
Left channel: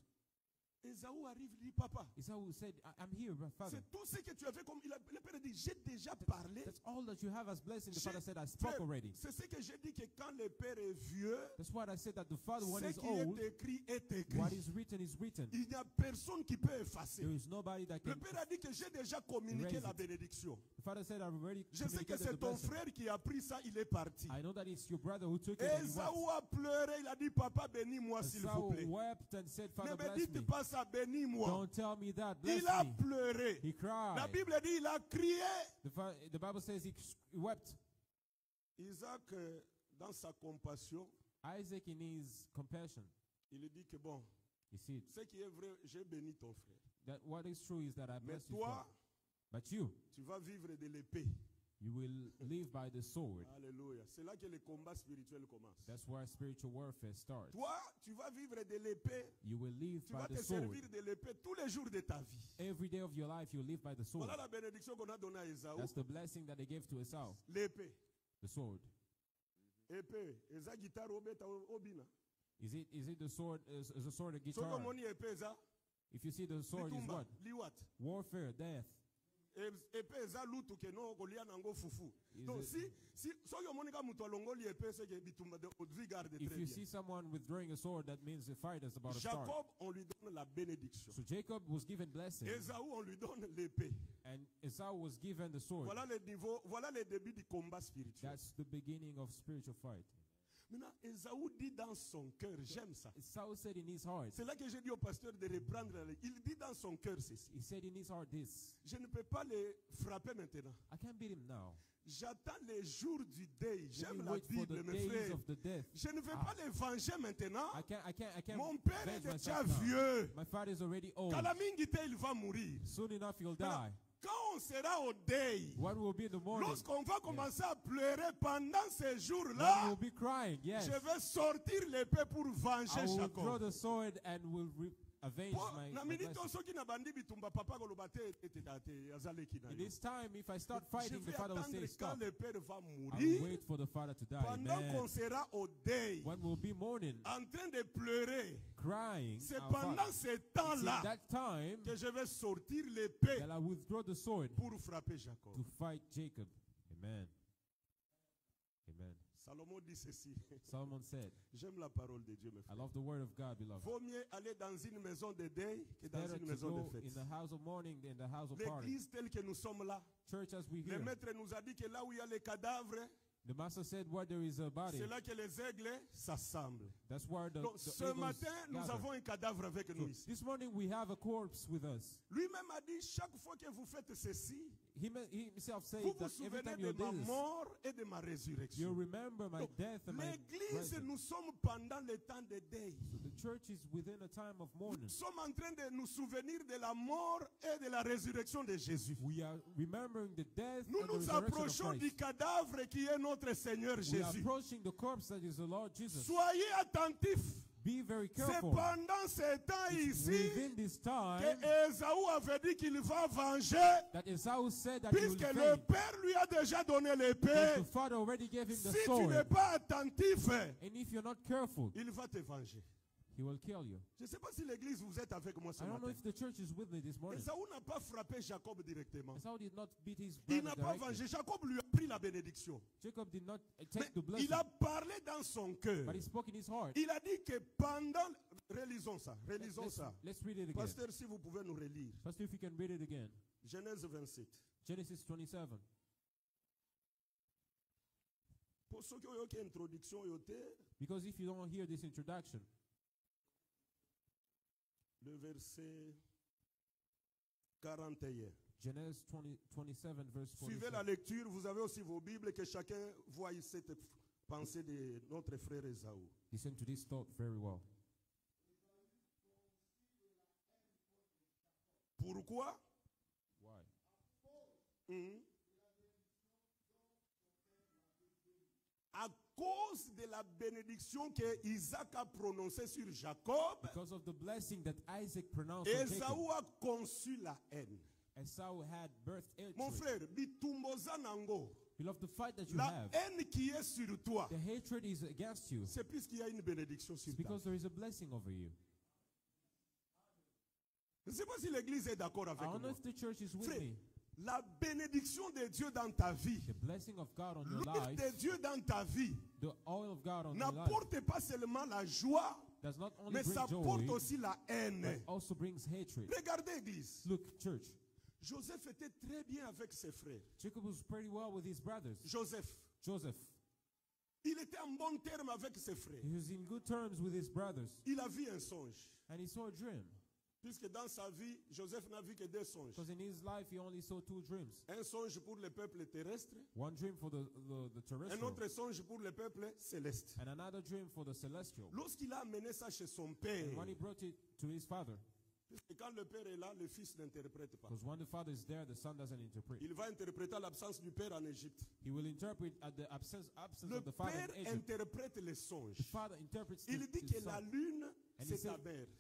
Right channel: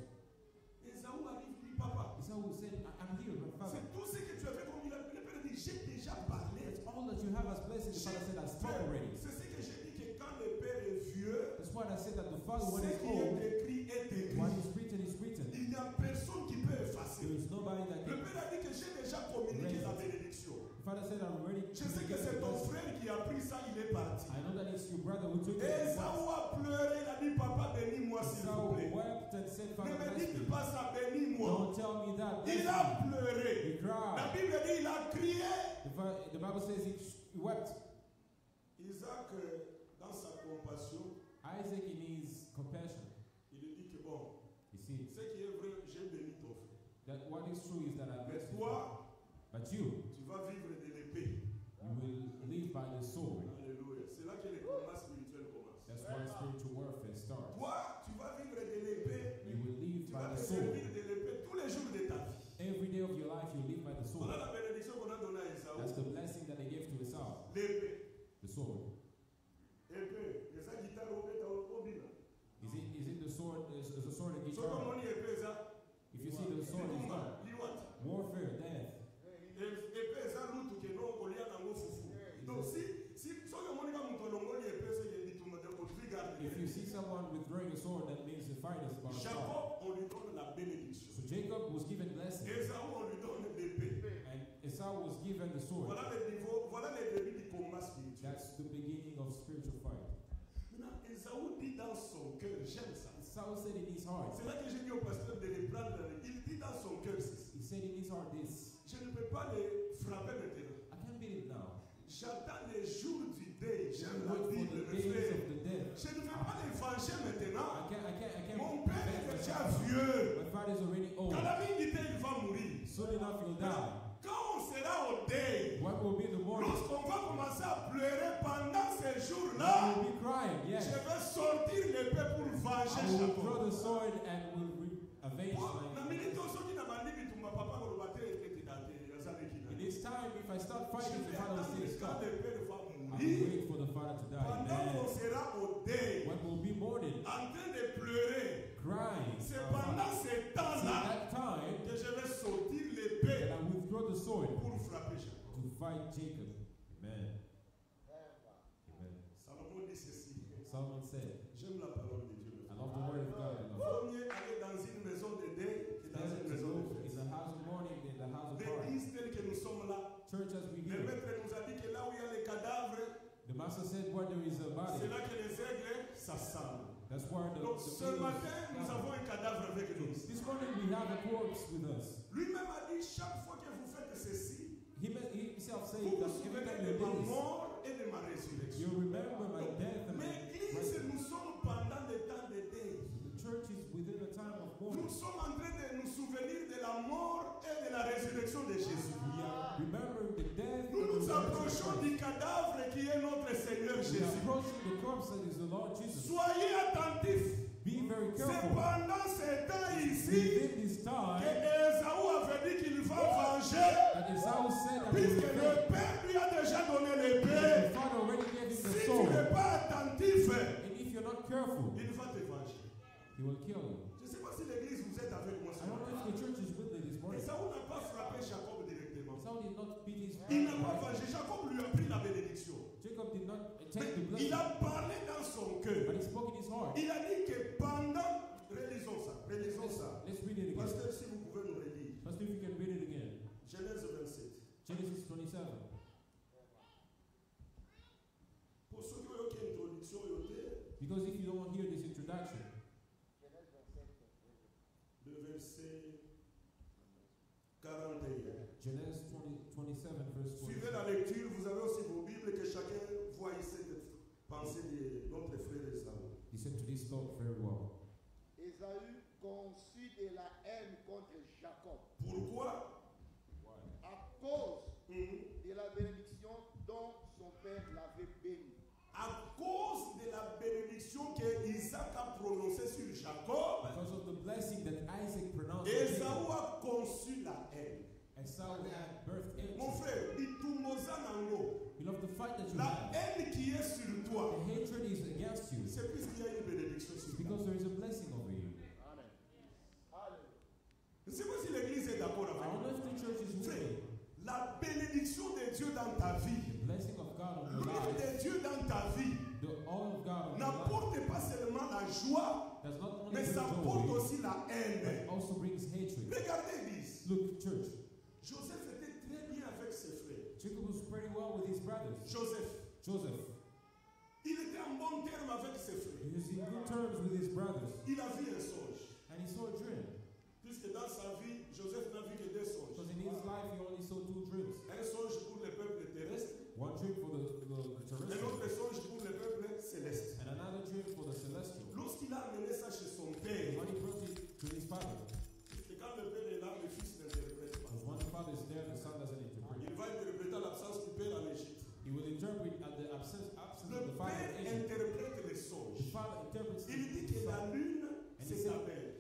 Ésaü arrive, dit papa, Esau said, I'm here, my father. c'est tout ce que tu as fait comme il a le père dit, j'ai déjà parlé. That's all that you have as blessing. The father said, I spoke already. C'est ce que j'ai dit que quand le père est vieux, That's why I said that the father, when ce he's qui old, est écrit est écrit. what is written is written. Il n'y a personne qui peut effacer. There is nobody that Le can. père a dit que j'ai déjà communiqué Raise la it. bénédiction. The father said, I'm already. Je sais que c'est ton frère qui a pris ça, il est parti. I know that it's your brother who took it. and he Ésaü went. a pleuré, il a dit papa bénis-moi s'il vous Esau plaît. wept and said, Ne Father, me bless dites me. pas ça, bénis-moi. Don't tell me that. Il a Bless me. pleuré. He La cried. Bible dit il a crié. The Bible says he wept. Isaac, dans sa compassion, Isaac, in his compassion, il dit que bon, you see, ce qui est vrai, j'ai béni ton frère. that what is true is that I Mais bless you. toi, But you tu vas vivre de l'épée. will live by the sword. Alléluia. C'est là que le combat spirituel commence. That's why spiritual warfare starts. Toi, tu vas vivre de l'épée. You will live Tu by vas the te sword. servir de l'épée tous les jours de ta vie. Every day of your life, you live by the sword. Voilà la bénédiction qu'on a donnée à Ésaü. That's the blessing that they gave to Esau. L'épée. The sword. Épée. Eza guitare obeta obina. Is it the sword? Is the sword a Soko guitar? moni épée eza. If you see the sword is Litumba, what? liwat. Warfare, death. Épée eza lutu ke no kolia nango fufu. Donc si soki omoni ka mutu alongoli épée c'est que bitumba de odri garde. If you see someone withdrawing a sword, that means the fight is about to start. Jacob, on lui donne la bénédiction. So Jacob was given blessing, Ésaü, on lui donne l'épée. and Esau was given the sword. Voilà le niveau, voilà le début du combat spirituel. That's the beginning of spiritual fight. Maintenant, Ésaü dit dans son cœur, j'aime ça. Esau said in his heart. C'est là que j'ai dit au pasteur de les prendre. Il dit dans son cœur ceci. He said in his heart this. Je ne peux pas les frapper maintenant. I can't beat him now. J'attends les jours du deuil. Let J'aime me la wait for Bible, the mes days frères. of the death. Je ne veux pas les venger maintenant. I can't Mon père avenge est déjà myself now. vieux. My father is already old. Quand la vie quitte, il va mourir. Soon enough he'll die. Quand on sera au deuil, When will be the morning? lorsqu'on va commencer à pleurer pendant ces When jours-là, we'll be crying, yes. je vais sortir l'épée pour venger I will draw Jacob. the sword and will avenge Na my minute blessing. soki na bandi bitumba papa koloba te ete date azaleki na. In this time, if I start Je fighting, the vais father will say attendre quand stop. le père va I will mourir. wait for the father to die. Pendant qu'on Amen. sera au deuil, When we'll be mourning, en train de pleurer, crying, c'est our pendant father. ce See, temps-là that time que je vais sortir that l'épée I withdraw the sword pour frapper Jacob. to fight Jacob. Amen. Amen. Salomon dit ceci. Solomon said, J'aime la parole de Dieu, mes I frères. love the word of God, beloved. Vaut mieux aller dans une maison de deuil que dans Better une to maison de go in fête. the house of mourning than the house of party. L'église telle que nous sommes là, Church as we le hear. maître nous a dit que là où il y a les cadavres, The master said, where there is a body, c'est là que les aigles s'assemblent. that's where the Donc ce eagles matin, nous gather. avons un cadavre avec nous ici. This morning we have a corpse with us. Lui-même a dit, chaque fois que vous faites ceci, He himself said vous vous that every souvenez time de you do ma this, mort et de ma résurrection. you remember my Donc, death and my L'église, resurrection. nous sommes pendant le temps de deuil. The church is within a time of mourning. Nous sommes en train de nous souvenir de la mort et de la résurrection de Jésus. We are remembering the death Nous and the nous resurrection approchons of du Christ. cadavre qui est notre Seigneur We are Jésus. approaching the corpse that is the Lord Jesus. Soyez attentifs. Be very C'est careful. pendant ce temps ici Within this que time Ésaü avait dit qu'il va venger, that Esau said that he will puisque le fail. Père lui a déjà donné The l'épée. father already gave him the Si tu n'es sword. pas attentif, And if you're not careful, il va te venger. he He will kill you. Je ne sais pas si l'église vous êtes avec moi ce I don't know matin. if the church is with me this morning. Esaü n'a pas frappé Jacob directement. Esau did not beat his Il brother n'a pas directly. vengé. Jacob lui a pris la bénédiction. Jacob did not Mais take the blessing, il a parlé dans son cœur. but he spoke in his heart. Il a dit que pendant... Relisons ça. Relisons Let's, ça. let's read it again. Pasteur, si vous pouvez nous relire. Pastor, if you can read it again. Genèse 27. Genesis 27. Pour ceux qui ont eu une introduction, Because if you don't hear this introduction, le verset 41. Genesis 27, verse Suivez 27. la lecture, vous avez aussi vos Bibles, que chacun voie cette pensée de notre frère Esaü. Listen to this thought very well. Ésaü conçut de la haine contre Jacob Pourquoi? Why? à cause Mhm. de la bénédiction dont son père l'avait béni. À cause de la bénédiction que Isaac a prononcée sur Jacob, Because of the blessing that Isaac pronounced on Esaü Jacob, a conçu la haine. Esau had birthed Mon hatred. frère, bitumboza nango. Beloved, the fight that you La have, haine qui est sur toi, the hatred is against you. c'est puisqu'il y a une bénédiction sur It's toi. because there is a blessing over you. Je ne sais pas si l'église est d'accord avec I don't know moi. if the church is with Frère, me. la bénédiction de Dieu dans ta vie, The blessing of God on your l'huile life, de Dieu dans ta vie, the oil of God on your life, n'apporte pas seulement la joie, does not only mais bring ça apporte joy, aussi la but haine. also brings hatred. Regardez, église. Look, church, Joseph était très bien avec ses frères. Jacob was pretty well with his brothers. Joseph, Joseph, il était en bon terme avec ses frères. he was in good terms with his brothers, Il a vu un songe. and he saw a dream. Puisque dans sa vie, Joseph n'a vu que deux songes. Because in his life, he only saw two dreams. Un songe pour le peuple terrestre, One dream for the un terrestrial, autre songe pour le peuple céleste. and another dream for the celestial. Lorsqu'il a amené ça chez son père, When he brought it to his father, et quand le père est là, le fils n'interprète pas. because when the father is there, the son doesn't interpret. Il va interpréter l'absence du père en Égypte. He will interpret at the absence Le of the father père in Egypt. interprète les The songes. father interprets Il dit the que la son. lune, And c'est he ta said, mère.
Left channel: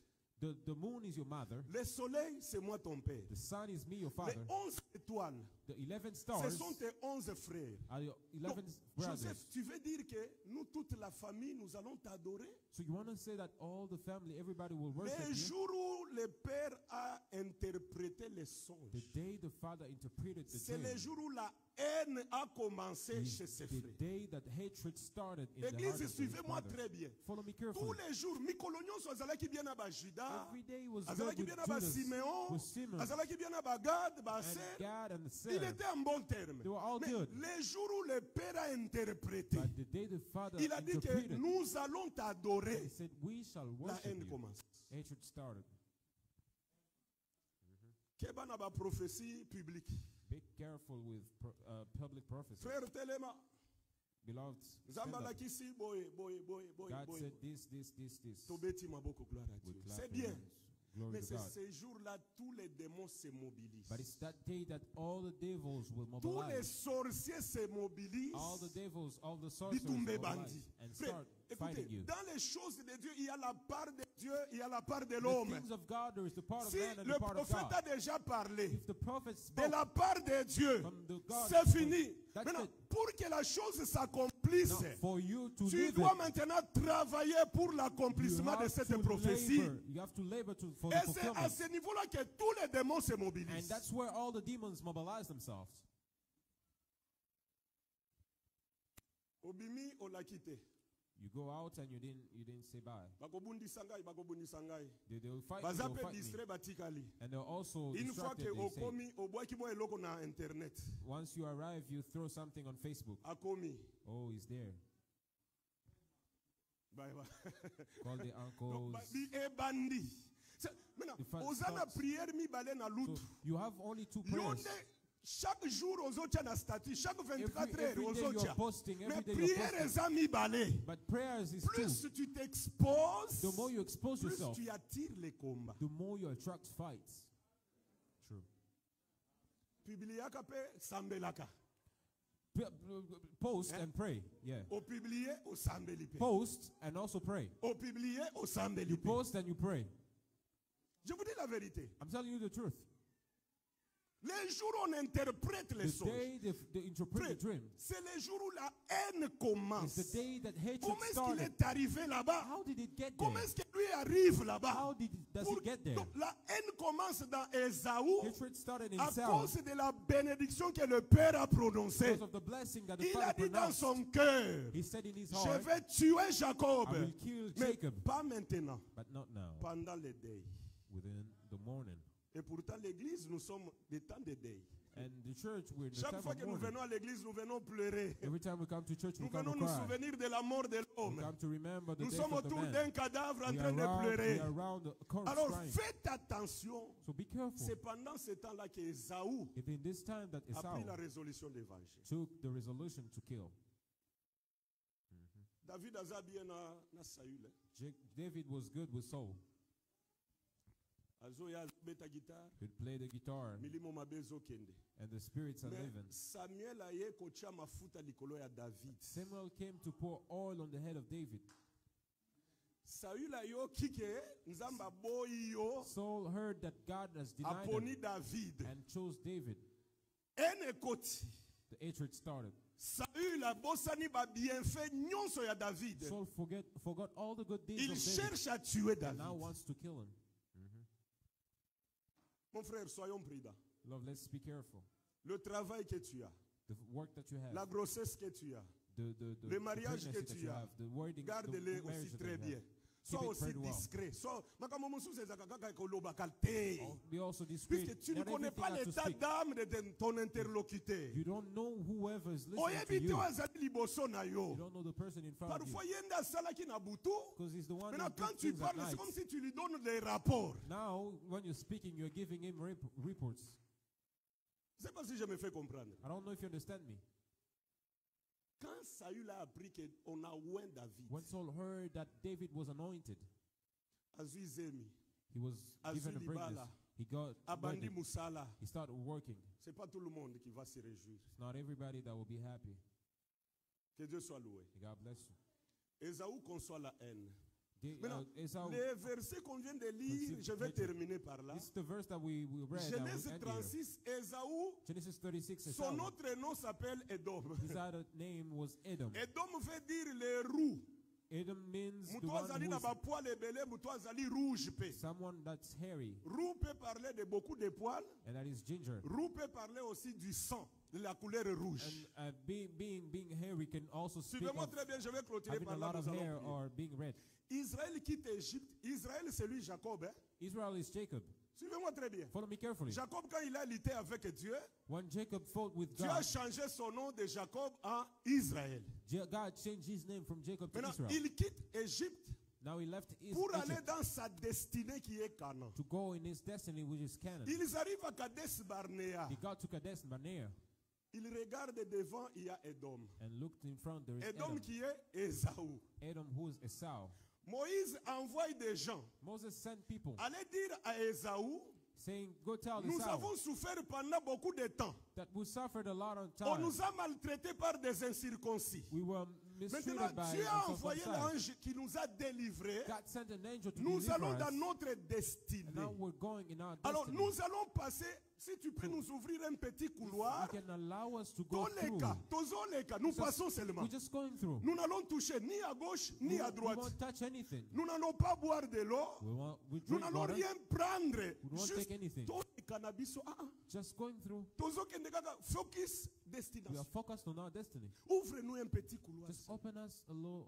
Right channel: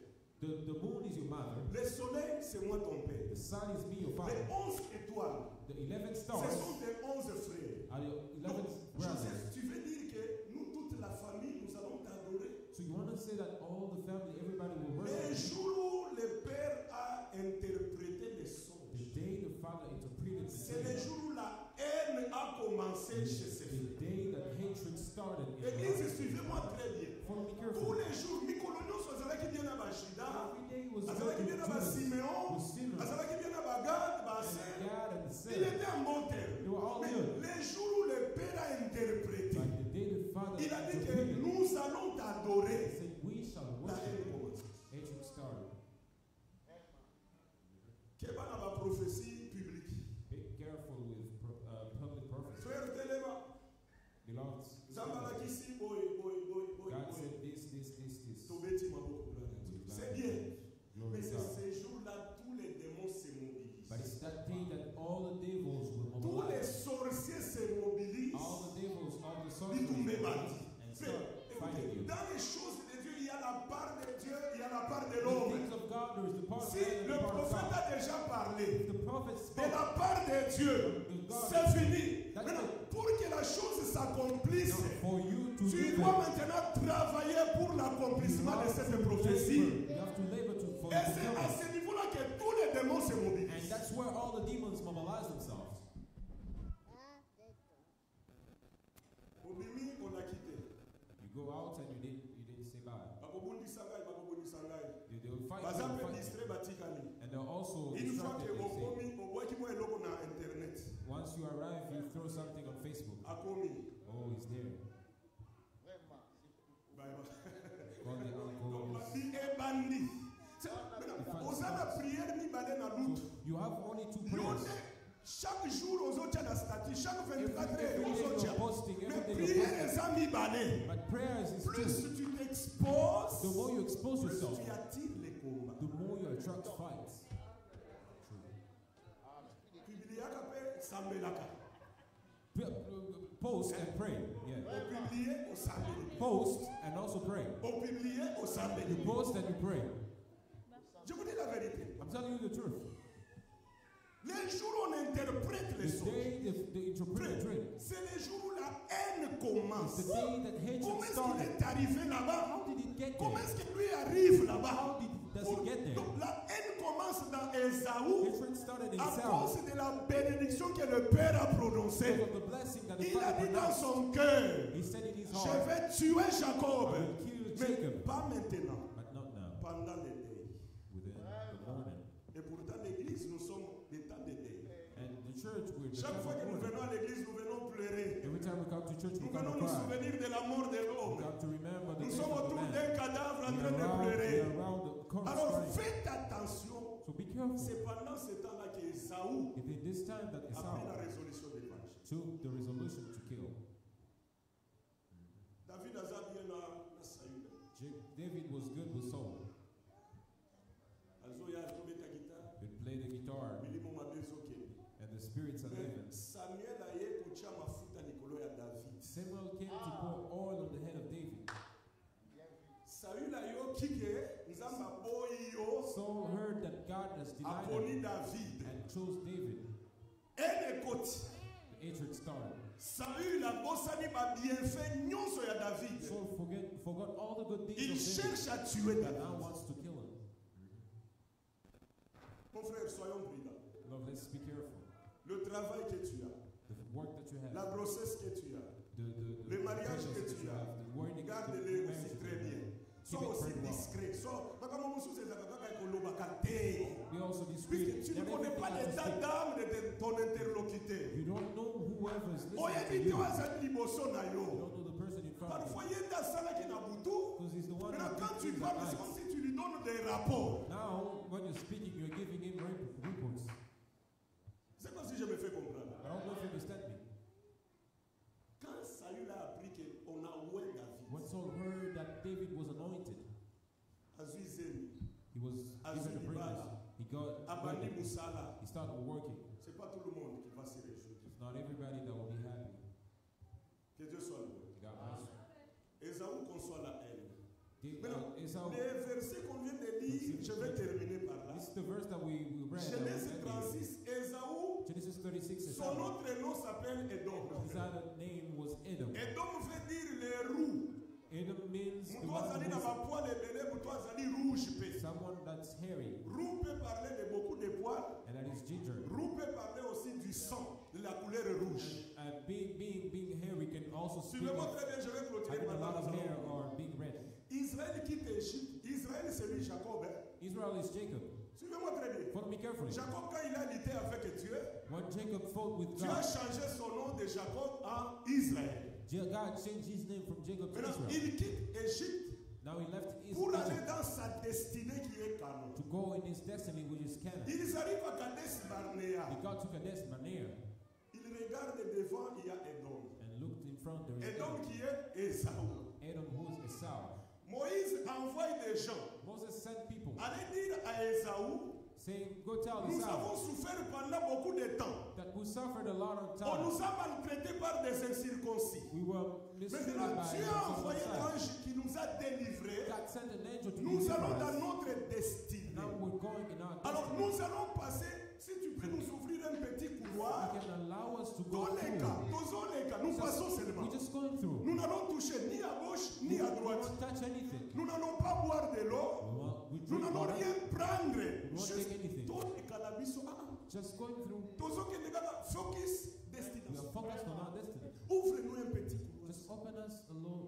The moon is your mother, Le soleil, c'est moi ton père. the sun is me, your father. Les 11 étoiles, The 11 ce stars sont tes 11 frères. are your Donc, 11 brothers. Joseph, tu veux dire que nous, toute la famille, nous allons t'adorer? So you want to say that all the family, everybody will worship Le you? jour où le père a interprété les The songes, day the father interpreted the c'est le dream, jour où la haine a commencé chez ses the frères. day that hatred started in the heart Église, of the suivez-moi father. très bien. Follow me Tous carefully. les jours, Mikolonio azalaki bien na Bajida, Every day was good azalaki with bien na ba Judas, Simeon, with Simeon, azalaki bien na Bagad, ba and Aser. Gad and Il Sarah. était en bon terme. They were all Mais good. les jours où le père a interprété, But the day the father il a dit que interpreted, nous allons he t'adorer. said, we shall La worship haine you. commence. Hatred started. Keba na ba prophétie publique. Be careful with public prophecy. Frère Telema, Beloved, Zambalaki si boy. God said this. Tobeti maboko gloire à Dieu. With C'est glad bien. hands. Glory Mais to c'est God. ces jours-là, tous les démons se mobilisent. But it's that day that all the devils will Tous les mobilize. sorciers se mobilisent. All the devils, all the sorcerers Bitumbe will bandi. mobilize and Frère, start fighting écoutez, you. dans les choses de Dieu, il y a la part de Dieu, il y a la part de The l'homme. things of God, there is the part of Si man and le the part of prophète God. a déjà parlé If the prophet de spoke, la part de Dieu, From the God. c'est fini. That's Maintenant, it. pour que la chose s'accomplisse, now for you to tu live dois it, maintenant travailler pour l'accomplissement de you cette have to prophétie. labor. You have to labor for the Et c'est à fulfillment. ce niveau-là que tous les démons se And mobilisent. that's where all the demons mobilize themselves. Obimi, on l'a quitté. You go out and you didn't say bye. Bakobundisa ngai. They will fight Baza you, pe fight distrait me. batikali. And they're also Une fois que distracted, they say. okomi, obwaki mo eloko na internet. Once you arrive, you throw something on Facebook. Akomi. Oh, he's there. Bye bye. Call the Donc, uncles. bi ebandi. The Maintenant, fat oza na spots. prière mibale na lutu. So you have only two Yo prayers. nde chaque jour ozotia na statut, chaque 24 Every heures day ozotia. you're posting, Mais every day you're prière eza mibale. But prayers is Plus two. tu t'exposes, The more you expose plus yourself, tu attires les combats. the more you attract fights. True. Publiaka pe sambelaka. Post and pray. Yeah. Au publier, au sambeli. Post and also pray. Au publier, au sambeli. You post and you pray. Je vous dis la vérité. I'm telling you the truth. Les jours où on interprète les The songes, day they interpret frère, the dream c'est les jours où la haine is commence. the day that Comment hatred est-ce qu'il started. est arrivé là-bas? How did it get Comment there? est-ce que lui arrive là-bas? How does it get there? Donc, la haine commence dans Ésaü Hatred started in à Saul cause de la bénédiction que le Père a prononcée. because of the blessing that the Il a Father dit dans pronounced. son cœur, He said in his je heart, vais tuer Jacob. I will kill Mais Jacob, pas maintenant, but not now, pendant les deuils. within the morning. Et pourtant, l'église, nous sommes des temps de deuil. And the church, we're in the Chaque time fois of que nous mourning. venons à l'église, nous venons pleurer. Every time we come to church, we Nous come venons to nous cry. souvenir de la mort de We l'homme. come to remember the Nous death sommes of the autour man. d'un cadavre en We train de are pleurer. around the corpse Alors crying. faites attention. So be careful. C'est pendant ce temps-là qu'Ésaü It is this time that a pris la Esau résolution de venger. took the resolution to kill. David aza bien na Saül. David was good with Saul. Azoya beta guitare. He'd play the guitar, Milimo mabe ezokende. and the spirits are Mais living. Samuel aye kotia mafuta likolo ya David. Samuel came to pour oil on the head of David. Saül ayoki ke nzamba boyi yo Saul heard that God has denied him aponi David. and chose David. Ene koti. The hatred started. Saül abosani ba bienfait nyonso ya David. Saul forgot all the good deeds Il of David cherche à tuer and now David. wants to kill him. Mon frère, soyons prudents. Love, let's be careful. Le travail que tu as, The work that you have, la grossesse que tu as, the le mariage pregnancy que that tu you as, have, the wedding, garde-les the aussi marriage that très you bien. have. Sois Keep it aussi very well. discret. Makambo mosusu ezalaka kaka ekolobaka te. Be also discreet. Puisque tu ne Not connais everything pas has to l'état speak. d'âme de ton interlocuteur. You don't know whoever is listening to Oyebi te you. oyo azali liboso na You yo. don't know the person in front of Parfois you. ye nde asalaki na butu. Because he's the one Maintenant who quand tu thinks at parles, c'est night. comme si tu lui donnes des rapports. Now, when you're speaking, you're giving him reports. C'est pas si je me fais comprendre. I don't know if you understand me. Quand Saül a appris qu'on a oint David, When Saul heard that David was anointed, azui zemi, he was given a Azuli greatness. bala. He got abandi wedded. musala. He started working. C'est pas tout le monde qui va se réjouir. It's not everybody that will be happy. Que Dieu soit loué. God bless you. Ésaü conçoit la haine. The- Maintenant, Esau, les versets qu'on vient de lire, je vais terminer par là. this is the verse that we read. Genèse that will end here. 36, Ésaü, Genesis 36 is son autre nom s'appelle Edom. his other name was Edom. Edom veut dire les roux. Edom means the Mutu one azali na who's bapoil ebele, mutu azali rouge pe. someone that's hairy Roux peut parler de beaucoup de poils. and that is ginger. Roux peut parler aussi du sang, de la couleur rouge. And being hairy can also speak Suivez-moi of très bien, je vais clôturer having a par lot là. of nous allons hair prier. or being red. Israël quitte Égypte. Israël, c'est lui Jacob. Hein? Israel is Jacob. Suivez-moi très bien. Follow me carefully. Jacob, quand il a lutté avec Dieu, When Jacob fought with Dieu a God, changé son nom de Jacob en Israël. God changed his name from Jacob to Maintenant, Israel. il quitte Égypte Now he left pour aller Egypt dans sa destinée qui est Canaan. to go in his destiny, which is Canaan. Ils arrivent à Kadesh Barnea. He got to Kadesh Barnea Il regarde devant, il y a Edom. and looked in front. There is Edom Edom. qui est Ésaü. Edom, who is Esau. Moïse envoie des gens. Moses sent people Allez dire à Ésaü, saying, "Go tell nous Esau avons souffert pendant beaucoup de temps. that we suffered a lot of On time. nous a maltraités par des incirconcis. We were mistreated Maintenant, by Dieu a envoyé uncircumcised. l'ange qui nous a délivrés. God sent an angel to Nous deliver allons dans us. notre destinée. Now we're going in our Alors, destiny. nous allons passer, si tu peux nous ouvrir un petit You couloir, can allow us to go dans les through. cas, nous passons seulement. We're just going through. Nous n'allons toucher ni à gauche ni à We droite. won't touch anything. Nous n'allons pas boire de l'eau. We Nous drink n'allons water. rien prendre. We won't take anything. Juste cannabis. Just going through. Focus We are destination. focused on our destiny. Ouvre-nous un petit couloir. Just open us a low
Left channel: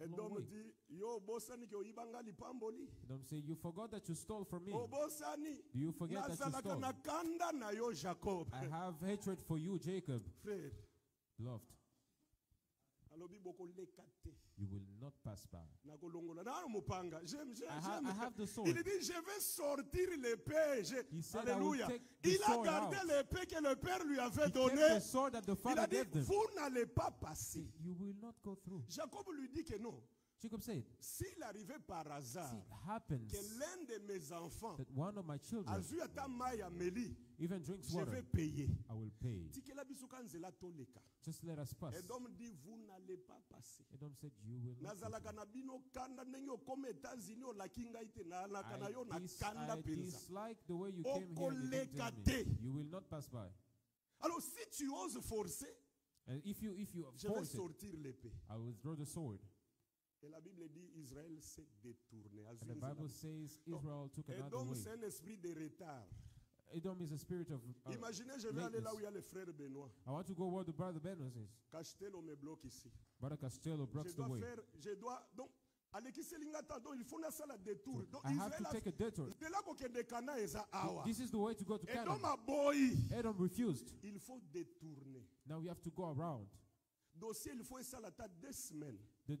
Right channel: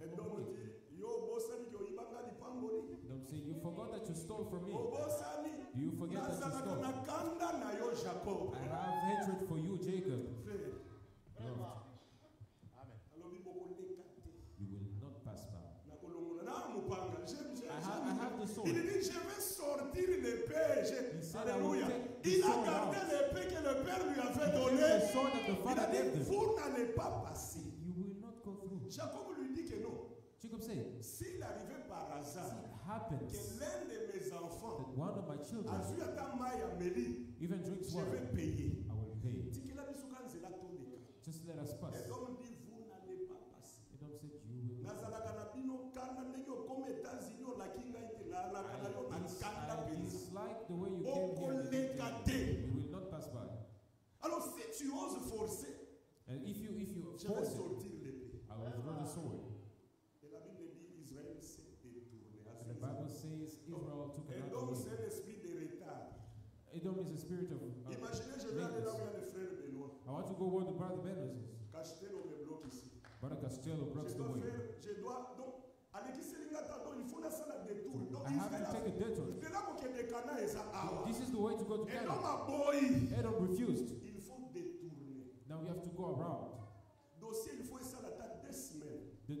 Et donc, way. dit, yo, bosani ki oyibanga lipamboli. Don't say you forgot that you stole from me. Obosani. Do you forget that you Nazalaka stole? na kanda na yo Jacob. I have hatred for you, Jacob. Frère, Loved. alobi boko lekate. You will not pass by. Na kolongola na mupanga. I have the sword. Il dit, je vais sortir l'épée. He said, I will Alléluia. take the Il a sword gardé out. l'épée que le Père lui avait He gave donnée. the sword that the Il father a dit, gave them. vous n'allez pas passer. You will not go through. Jacob lui dit que non. Jacob said, S'il arrivait par hasard see, it happens que l'un de mes enfants that one of my children a vu ata mai ya meli, even drinks je water, vais payer. I will pay. Tikela biso ka nzela toleka. Just let us pass. Et donc dit, vous n'allez pas passer. passé. Edom said, you will not. Nazalaka na bino kanda ndenge okoma États-Unis olaki ngai te nalaka na yo na kanda I penza. dislike the way you came here. and you didn't tell me. You will not pass by. Alors si tu oses forcer, And if you je vais force it, sortir l'épée. I will throw the sword. Et la Bible dit Israël s'est détourné. And the Bible says Israel took Et another donc way. c'est un esprit de retard. Edom is a spirit of Imaginez, je vais aller là où il y a le frère Benoît. I want to go where the brother Benos is. Cachetel me bloque ici. Brother Costello blocks the way. Je dois donc Aleki Selingata donc il faut na sala détour. Donc I have to take a detour. de là que de Cana eza awa. This is the way to go to Et donc Canaan. ma boy, Edom refused. il faut détourner. Now we have to go around. Dossier il faut ça la tête 2 semaines. The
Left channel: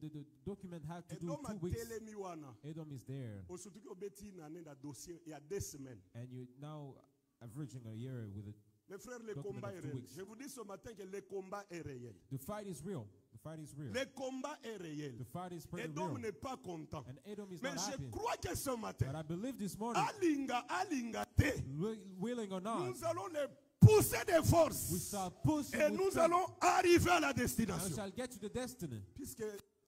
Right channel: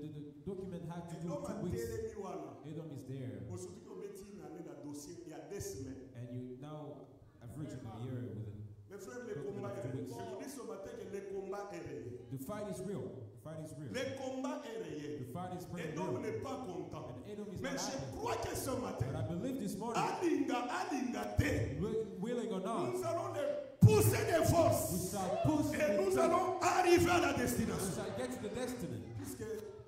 document had to Et do donc ma 2 weeks. telemi wana. Edom is there. Surtout que obeti na na dossier il y a 2 semaines. And you now averaging a year with it. Mes frères, le Document combat of est 2 réel. weeks. Je vous dis ce matin que le combat est réel. The fight is real. The fight is real. Le combat est réel. The fight is pretty Edom real. n'est pas content. And Edom is Mais not je happy. crois que ce But matin, I believe this morning, alinga te, willing or not, nous allons les pousser de we force. shall push Et with nous faith, allons arriver à la and destination. shall get to the destiny. Puisque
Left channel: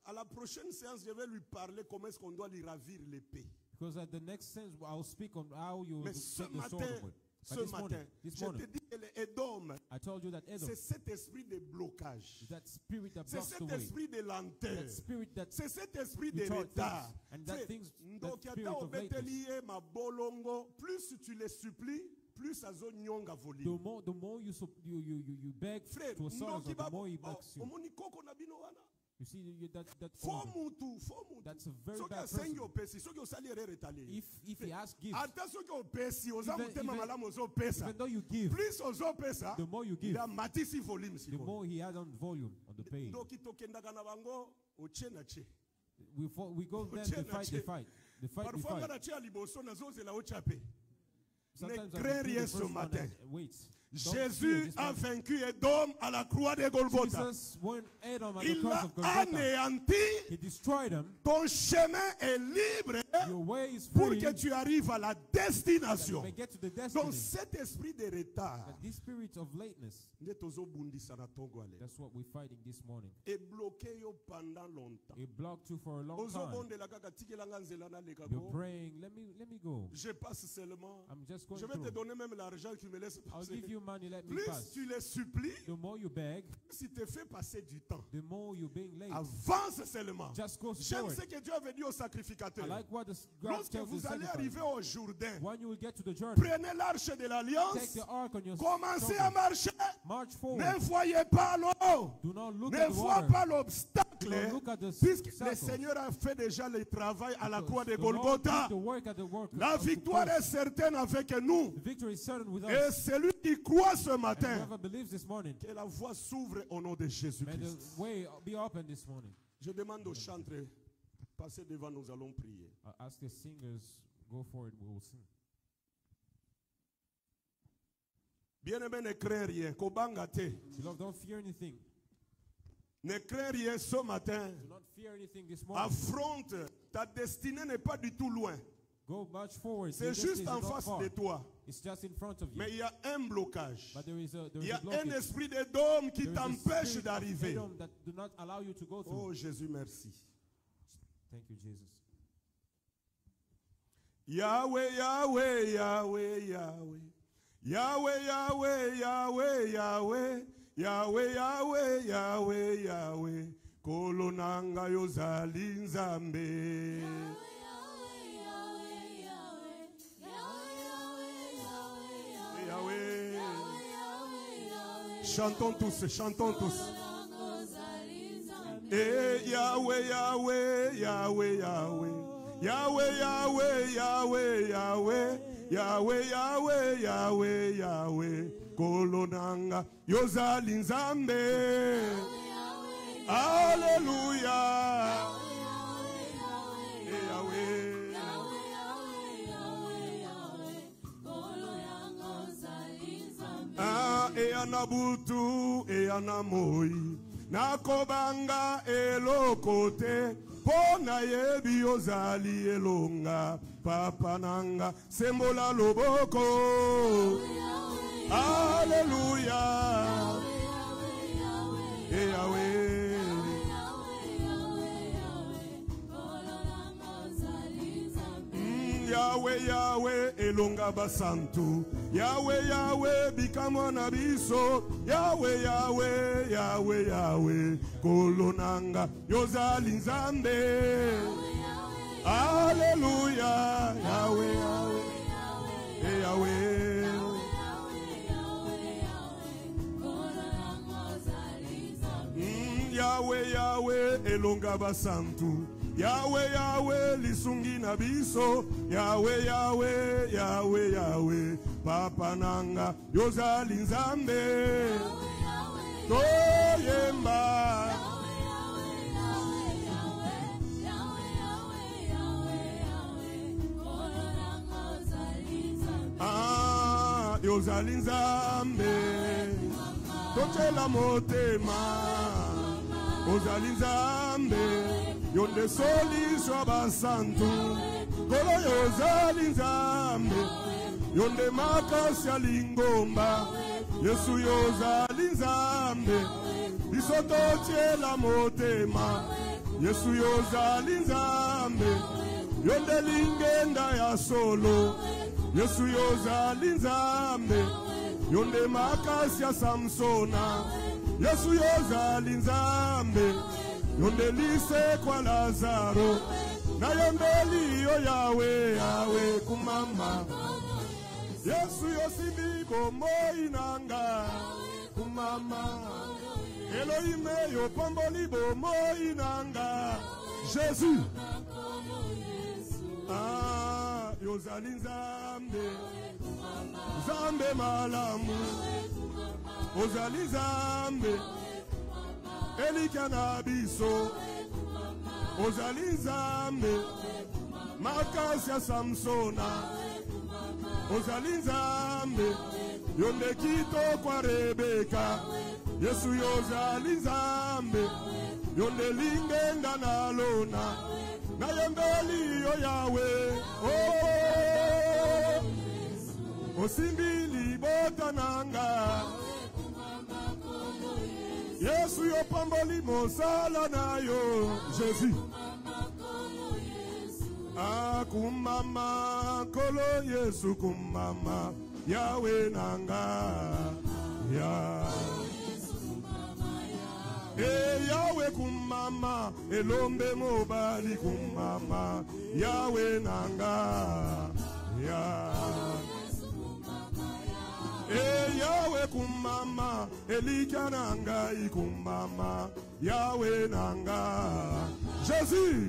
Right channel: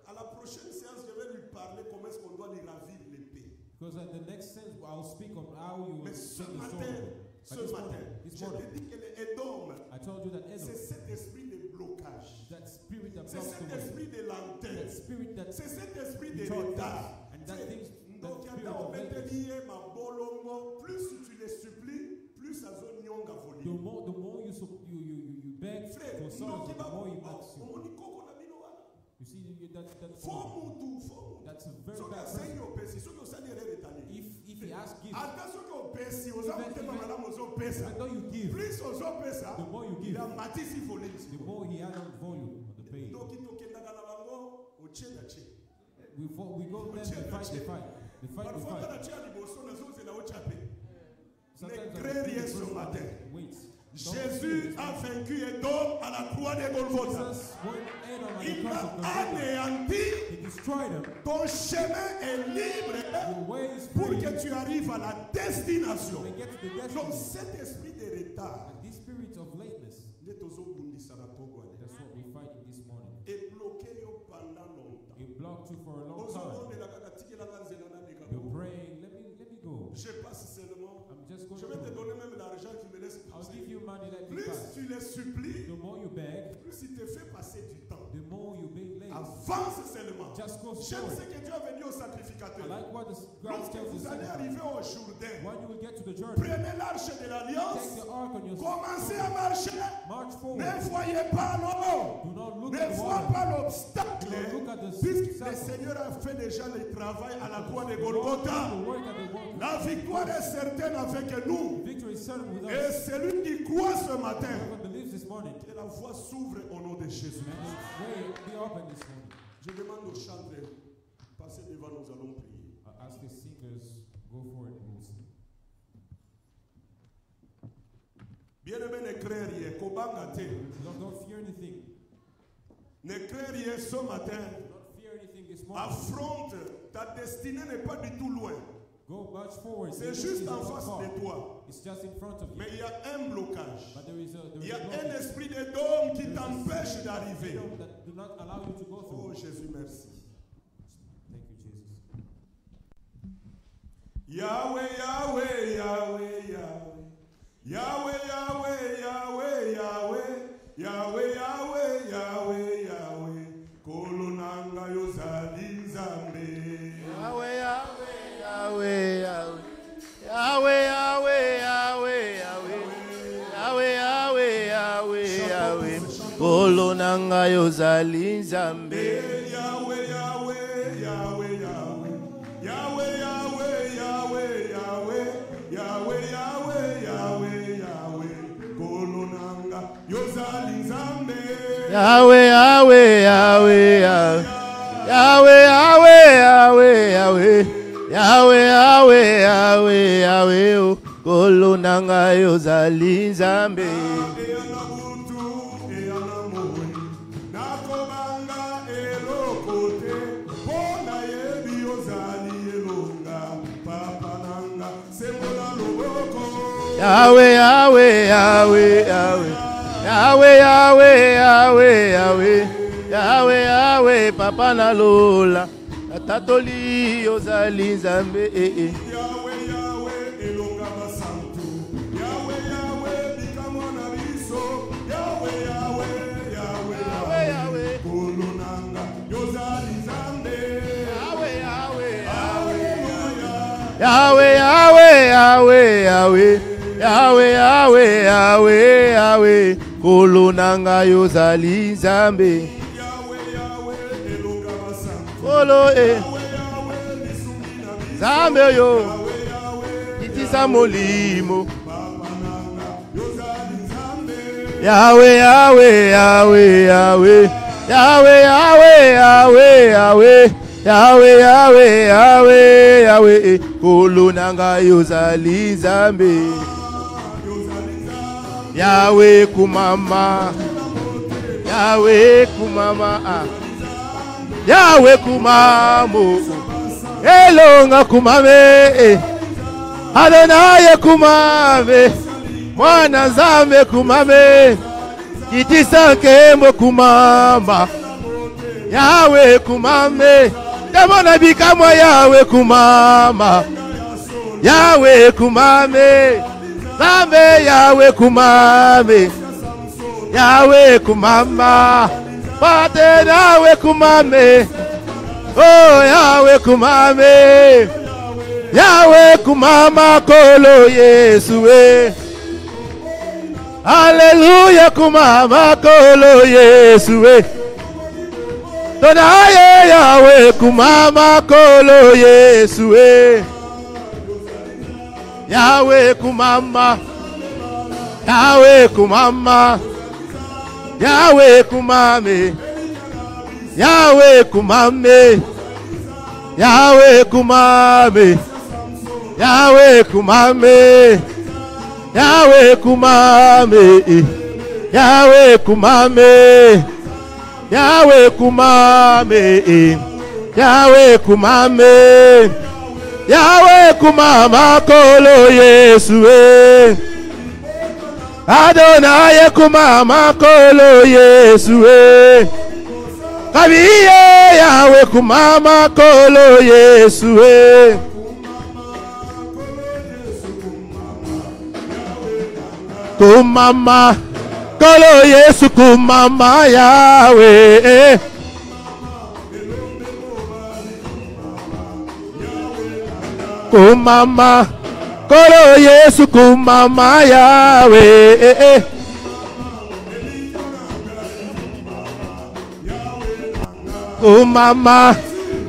à la prochaine séance, je vais lui parler comment est-ce qu'on doit lui ravir l'épée. Because at the next sense, I'll speak on how you will Mais take ce the sword matin, away. ce But matin, this je morning, te dis que l'Édom, I told you that c'est Edom, cet esprit de blocage. that spirit that C'est blocks the cet way, esprit de lenteur. that spirit that C'est cet esprit de retard retard. things, and that C'est- things, Donc, that spirit of lateness. ma bolongo, plus tu les supplies, plus ça zone nyonga The volume. more you beg Frère, for sorrows, ndoki the ba more he begs you. omoni koko na bino wana. You see that Faux mutu. that's a very Soki bad asengi person. opesi, soki osali erreur etali. If he asks gift, Ata soki opesi, oza Even- motema even- malamu ozopesa. even though you give, Plus ozopesa, the more you il give, a matisi volume the sikoyo. more he adds on volume on the page. Ndoki tokendaka na bango, ochie na chie. We go then Ochie they na fight, chie. they fight. They fight, they Parfois, fight. kana chie ya liboso, nazozela ochia pe. Sometimes Ne I crée feel rien the ce first one matin. that waits. Jésus a vaincu Edom à la croix de Golgotha. Jesus went Edom at the Il cross a of Golgotha. anéanti. He destroyed him. Ton chemin est libre Your way is pour free. que tu arrives à la You destination. may get to the Donc destiny. cet esprit de retard, And this spirit of lateness, nde tozobundisa na Togo ale. that's what we're fighting this morning. Et bloqué yo pendant longtemps. It blocked you for a long time. Ozobondela kaka tikelanga nzela naleka You're ko. praying, let me go. Je passe seulement. I'm just going Je vais te through. donner même l'argent qui me laisse I'll passer. give you money, let me Plus pass. tu les supplies, The more you beg, plus il te fait passer du temps. the more you're being late. Avance seulement. Just go J'aime forward. ce que Dieu a dit aux I sacrificateurs. like what God Lorsque tells vous the allez sacrifice. arriver au Jourdain, When you will get to the journey, prenez l'arche de take l'alliance, the ark on your commencez à shoulder. marcher. March Ne forward. voyez pas l'eau. Do not look Ne at the vois water. pas l'obstacle. Don't look at the Puisque le obstacle. Seigneur a fait déjà le travail à la croix de The Lord Golgotha. did the work at the work. La victoire est certaine avec nous. Victory is certain with Et us. celui qui croit ce matin, Whoever believes this morning, que la voie s'ouvre au nom de Jésus. may the way be open this morning. Je demande aux chantres, passez devant, nous allons prier. As the singers go for it, we'll sing. Bien-aimé, ne crains rien. Kobanga te. Lord, don't fear anything. Ne crains rien ce matin. Do not fear anything this morning. Affronte. Ta destinée n'est pas du tout loin. Go much forward. C'est Your destiny juste is en not face far. de toi. It's just in front of you. Mais il y a un blocage. But there is Il y a un blockage. esprit d'Édom qui There is a t'empêche spirit of d'arriver. freedom that do not allow you to go through. Oh Jésus, merci. Thank you, Jesus. Yahweh, Yahweh, Yahweh, Yahweh. Yahweh, Yahweh, Yahweh, Yahweh. Yahweh, Yahweh, Yahweh, Yahweh. Kolonanga yozali nzambe. Yahweh, Yahweh, Yahweh, Yahweh. Yahweh, Yahweh, Yahweh, Yahweh. Yahweh, Yahweh, Yahweh, Chantons Yahweh. tous, chantons tous. Kolonanga yozali nzambe. Eh, Yahweh, Yahweh, Yahweh, Yahweh. Yahweh, Yahweh, Yahweh, Yahweh. Yahweh, Yahweh, Yahweh, Yahweh. Kolonanga yozali nzambe. Yahweh, Yahweh, Yahweh, Yahweh. Yahweh, Yahweh, Yahweh, Yahweh. Yahweh, Yahweh, Yahweh, Yahweh. Oh, kolonanga yozali nzambe. Eyana butu, eyana moi. Nakobanga eloko te. Pona yebi ozali elonga. Papa nanga sembola loboko. Yahweh, Yahweh, Yahweh, Yahweh. Yahweh, Yahweh, Yahweh, Yahweh. Yahweh, Yahweh, papa na lola tatoli ozali nzambe Yahweh Yahweh elonga basantu Yahweh Yahweh bikamo na biso Yahweh Yahweh Yahweh Yahweh kolonanga yozali nzambe Yahweh Yahweh Hallelujah Yahweh Yahweh Yahweh Yahweh Yahweh Yahweh Yahweh Yahweh kolonanga yozali nzambe Yahweh Yahweh elonga basantu Yahweh Yahweh lisungi na biso Nzambe yo Yahweh Yahweh itisa molimo papa nanga yozali nzambe Yahweh Yahweh Yahweh Yahweh Yahweh Yahweh Yahweh Yahweh Yahweh Yahweh Yahweh Yahweh kolonanga yozali nzambe yozali nzambe Yahweh kumama Yahweh kumama Yahweh kumamo elonga kumame Adonai kumame mwana nzambe kumame kitisa kembo kumama Yahweh kumame demona bikamwa Yahweh kumama Yahweh kumame Nzambe Yahweh kumame Yahweh kumama Pate Yahweh kumame Oh Yahweh kumame Yahweh kumama kolo Yesu Hallelujah kumama kolo Yesu Donaye Yahweh kumama kolo Yesu Yahweh kumama Yahweh kumama Yahweh kumame Yahweh kumame Yahweh kumame Yahweh kumame Yahweh kumame Yahweh kumame Yahweh kumame Yahweh kumame Yahweh kumama kolo Yesu Adonai kumama kolo Yesu Kabiye Yahweh kumama kolo Yesu kumama kolo Yesu kumama Yahweh kumama kolo Yesu kumama Yahweh kumama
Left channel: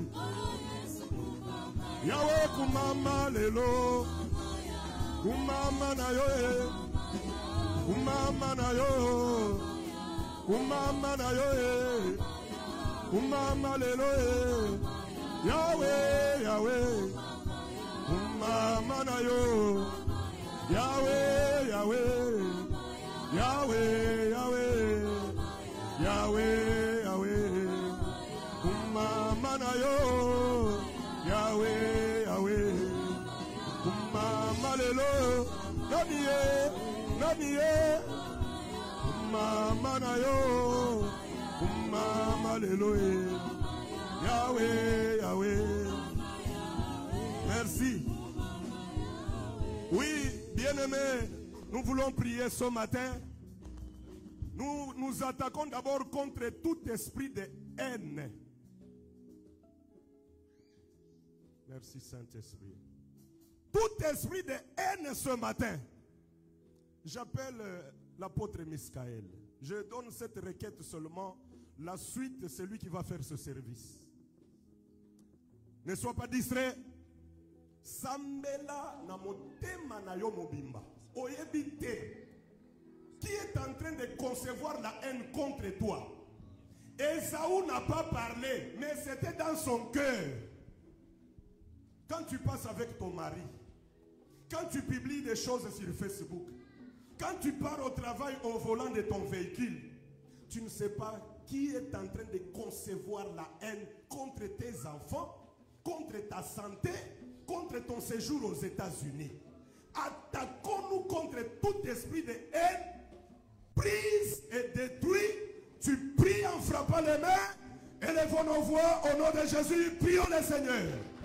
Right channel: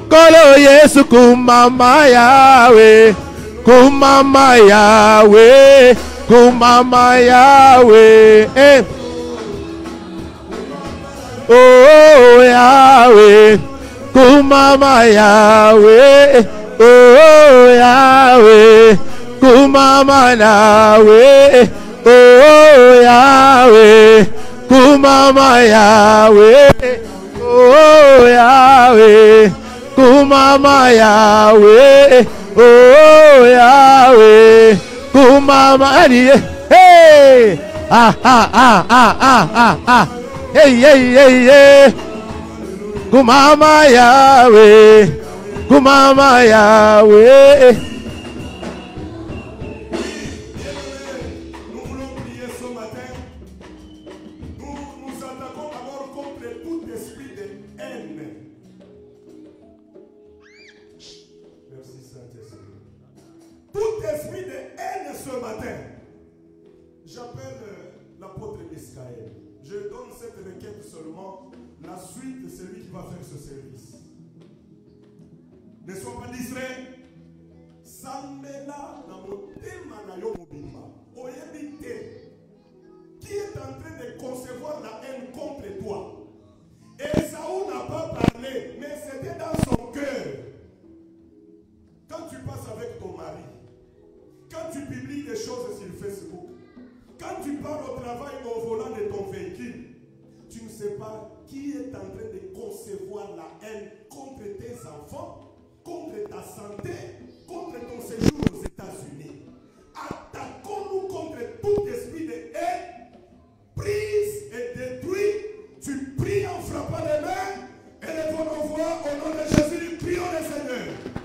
kolo Yesu kumama Yahweh kumama Yahweh kumama Yahweh oh Yahweh kumama Yahweh oh Yahweh kumama Yahweh oh Yahweh kumama Yahweh oh Yahweh kumama Yahweh oh Yahweh kumama hey hey kumama Yahweh kumama Yahweh. Oui, bien-aimés, nous voulons prier ce matin. Nous attaquons d'abord contre tout esprit de haine. Merci Saint-Esprit. Tout esprit de haine ce matin. J'appelle l'apôtre Miskaël. Je donne cette requête seulement. La suite, c'est lui qui va faire ce service. Ne sois pas distrait. Sambela na motema na yo mobimba. Oyebite. Qui est en train de concevoir la haine contre toi? Esaü n'a pas parlé, mais c'était dans son cœur. Quand tu passes avec ton mari, quand tu publies des choses sur Facebook, quand tu pars au travail au volant de ton véhicule, tu ne sais pas qui est en train de concevoir la haine contre tes enfants, contre ta santé, contre ton séjour aux États-Unis. Attaquons-nous contre tout esprit de haine, brise et détruit. Tu pries en frappant les mains et le élevons nos voix au nom de Jésus. Prions le Seigneur.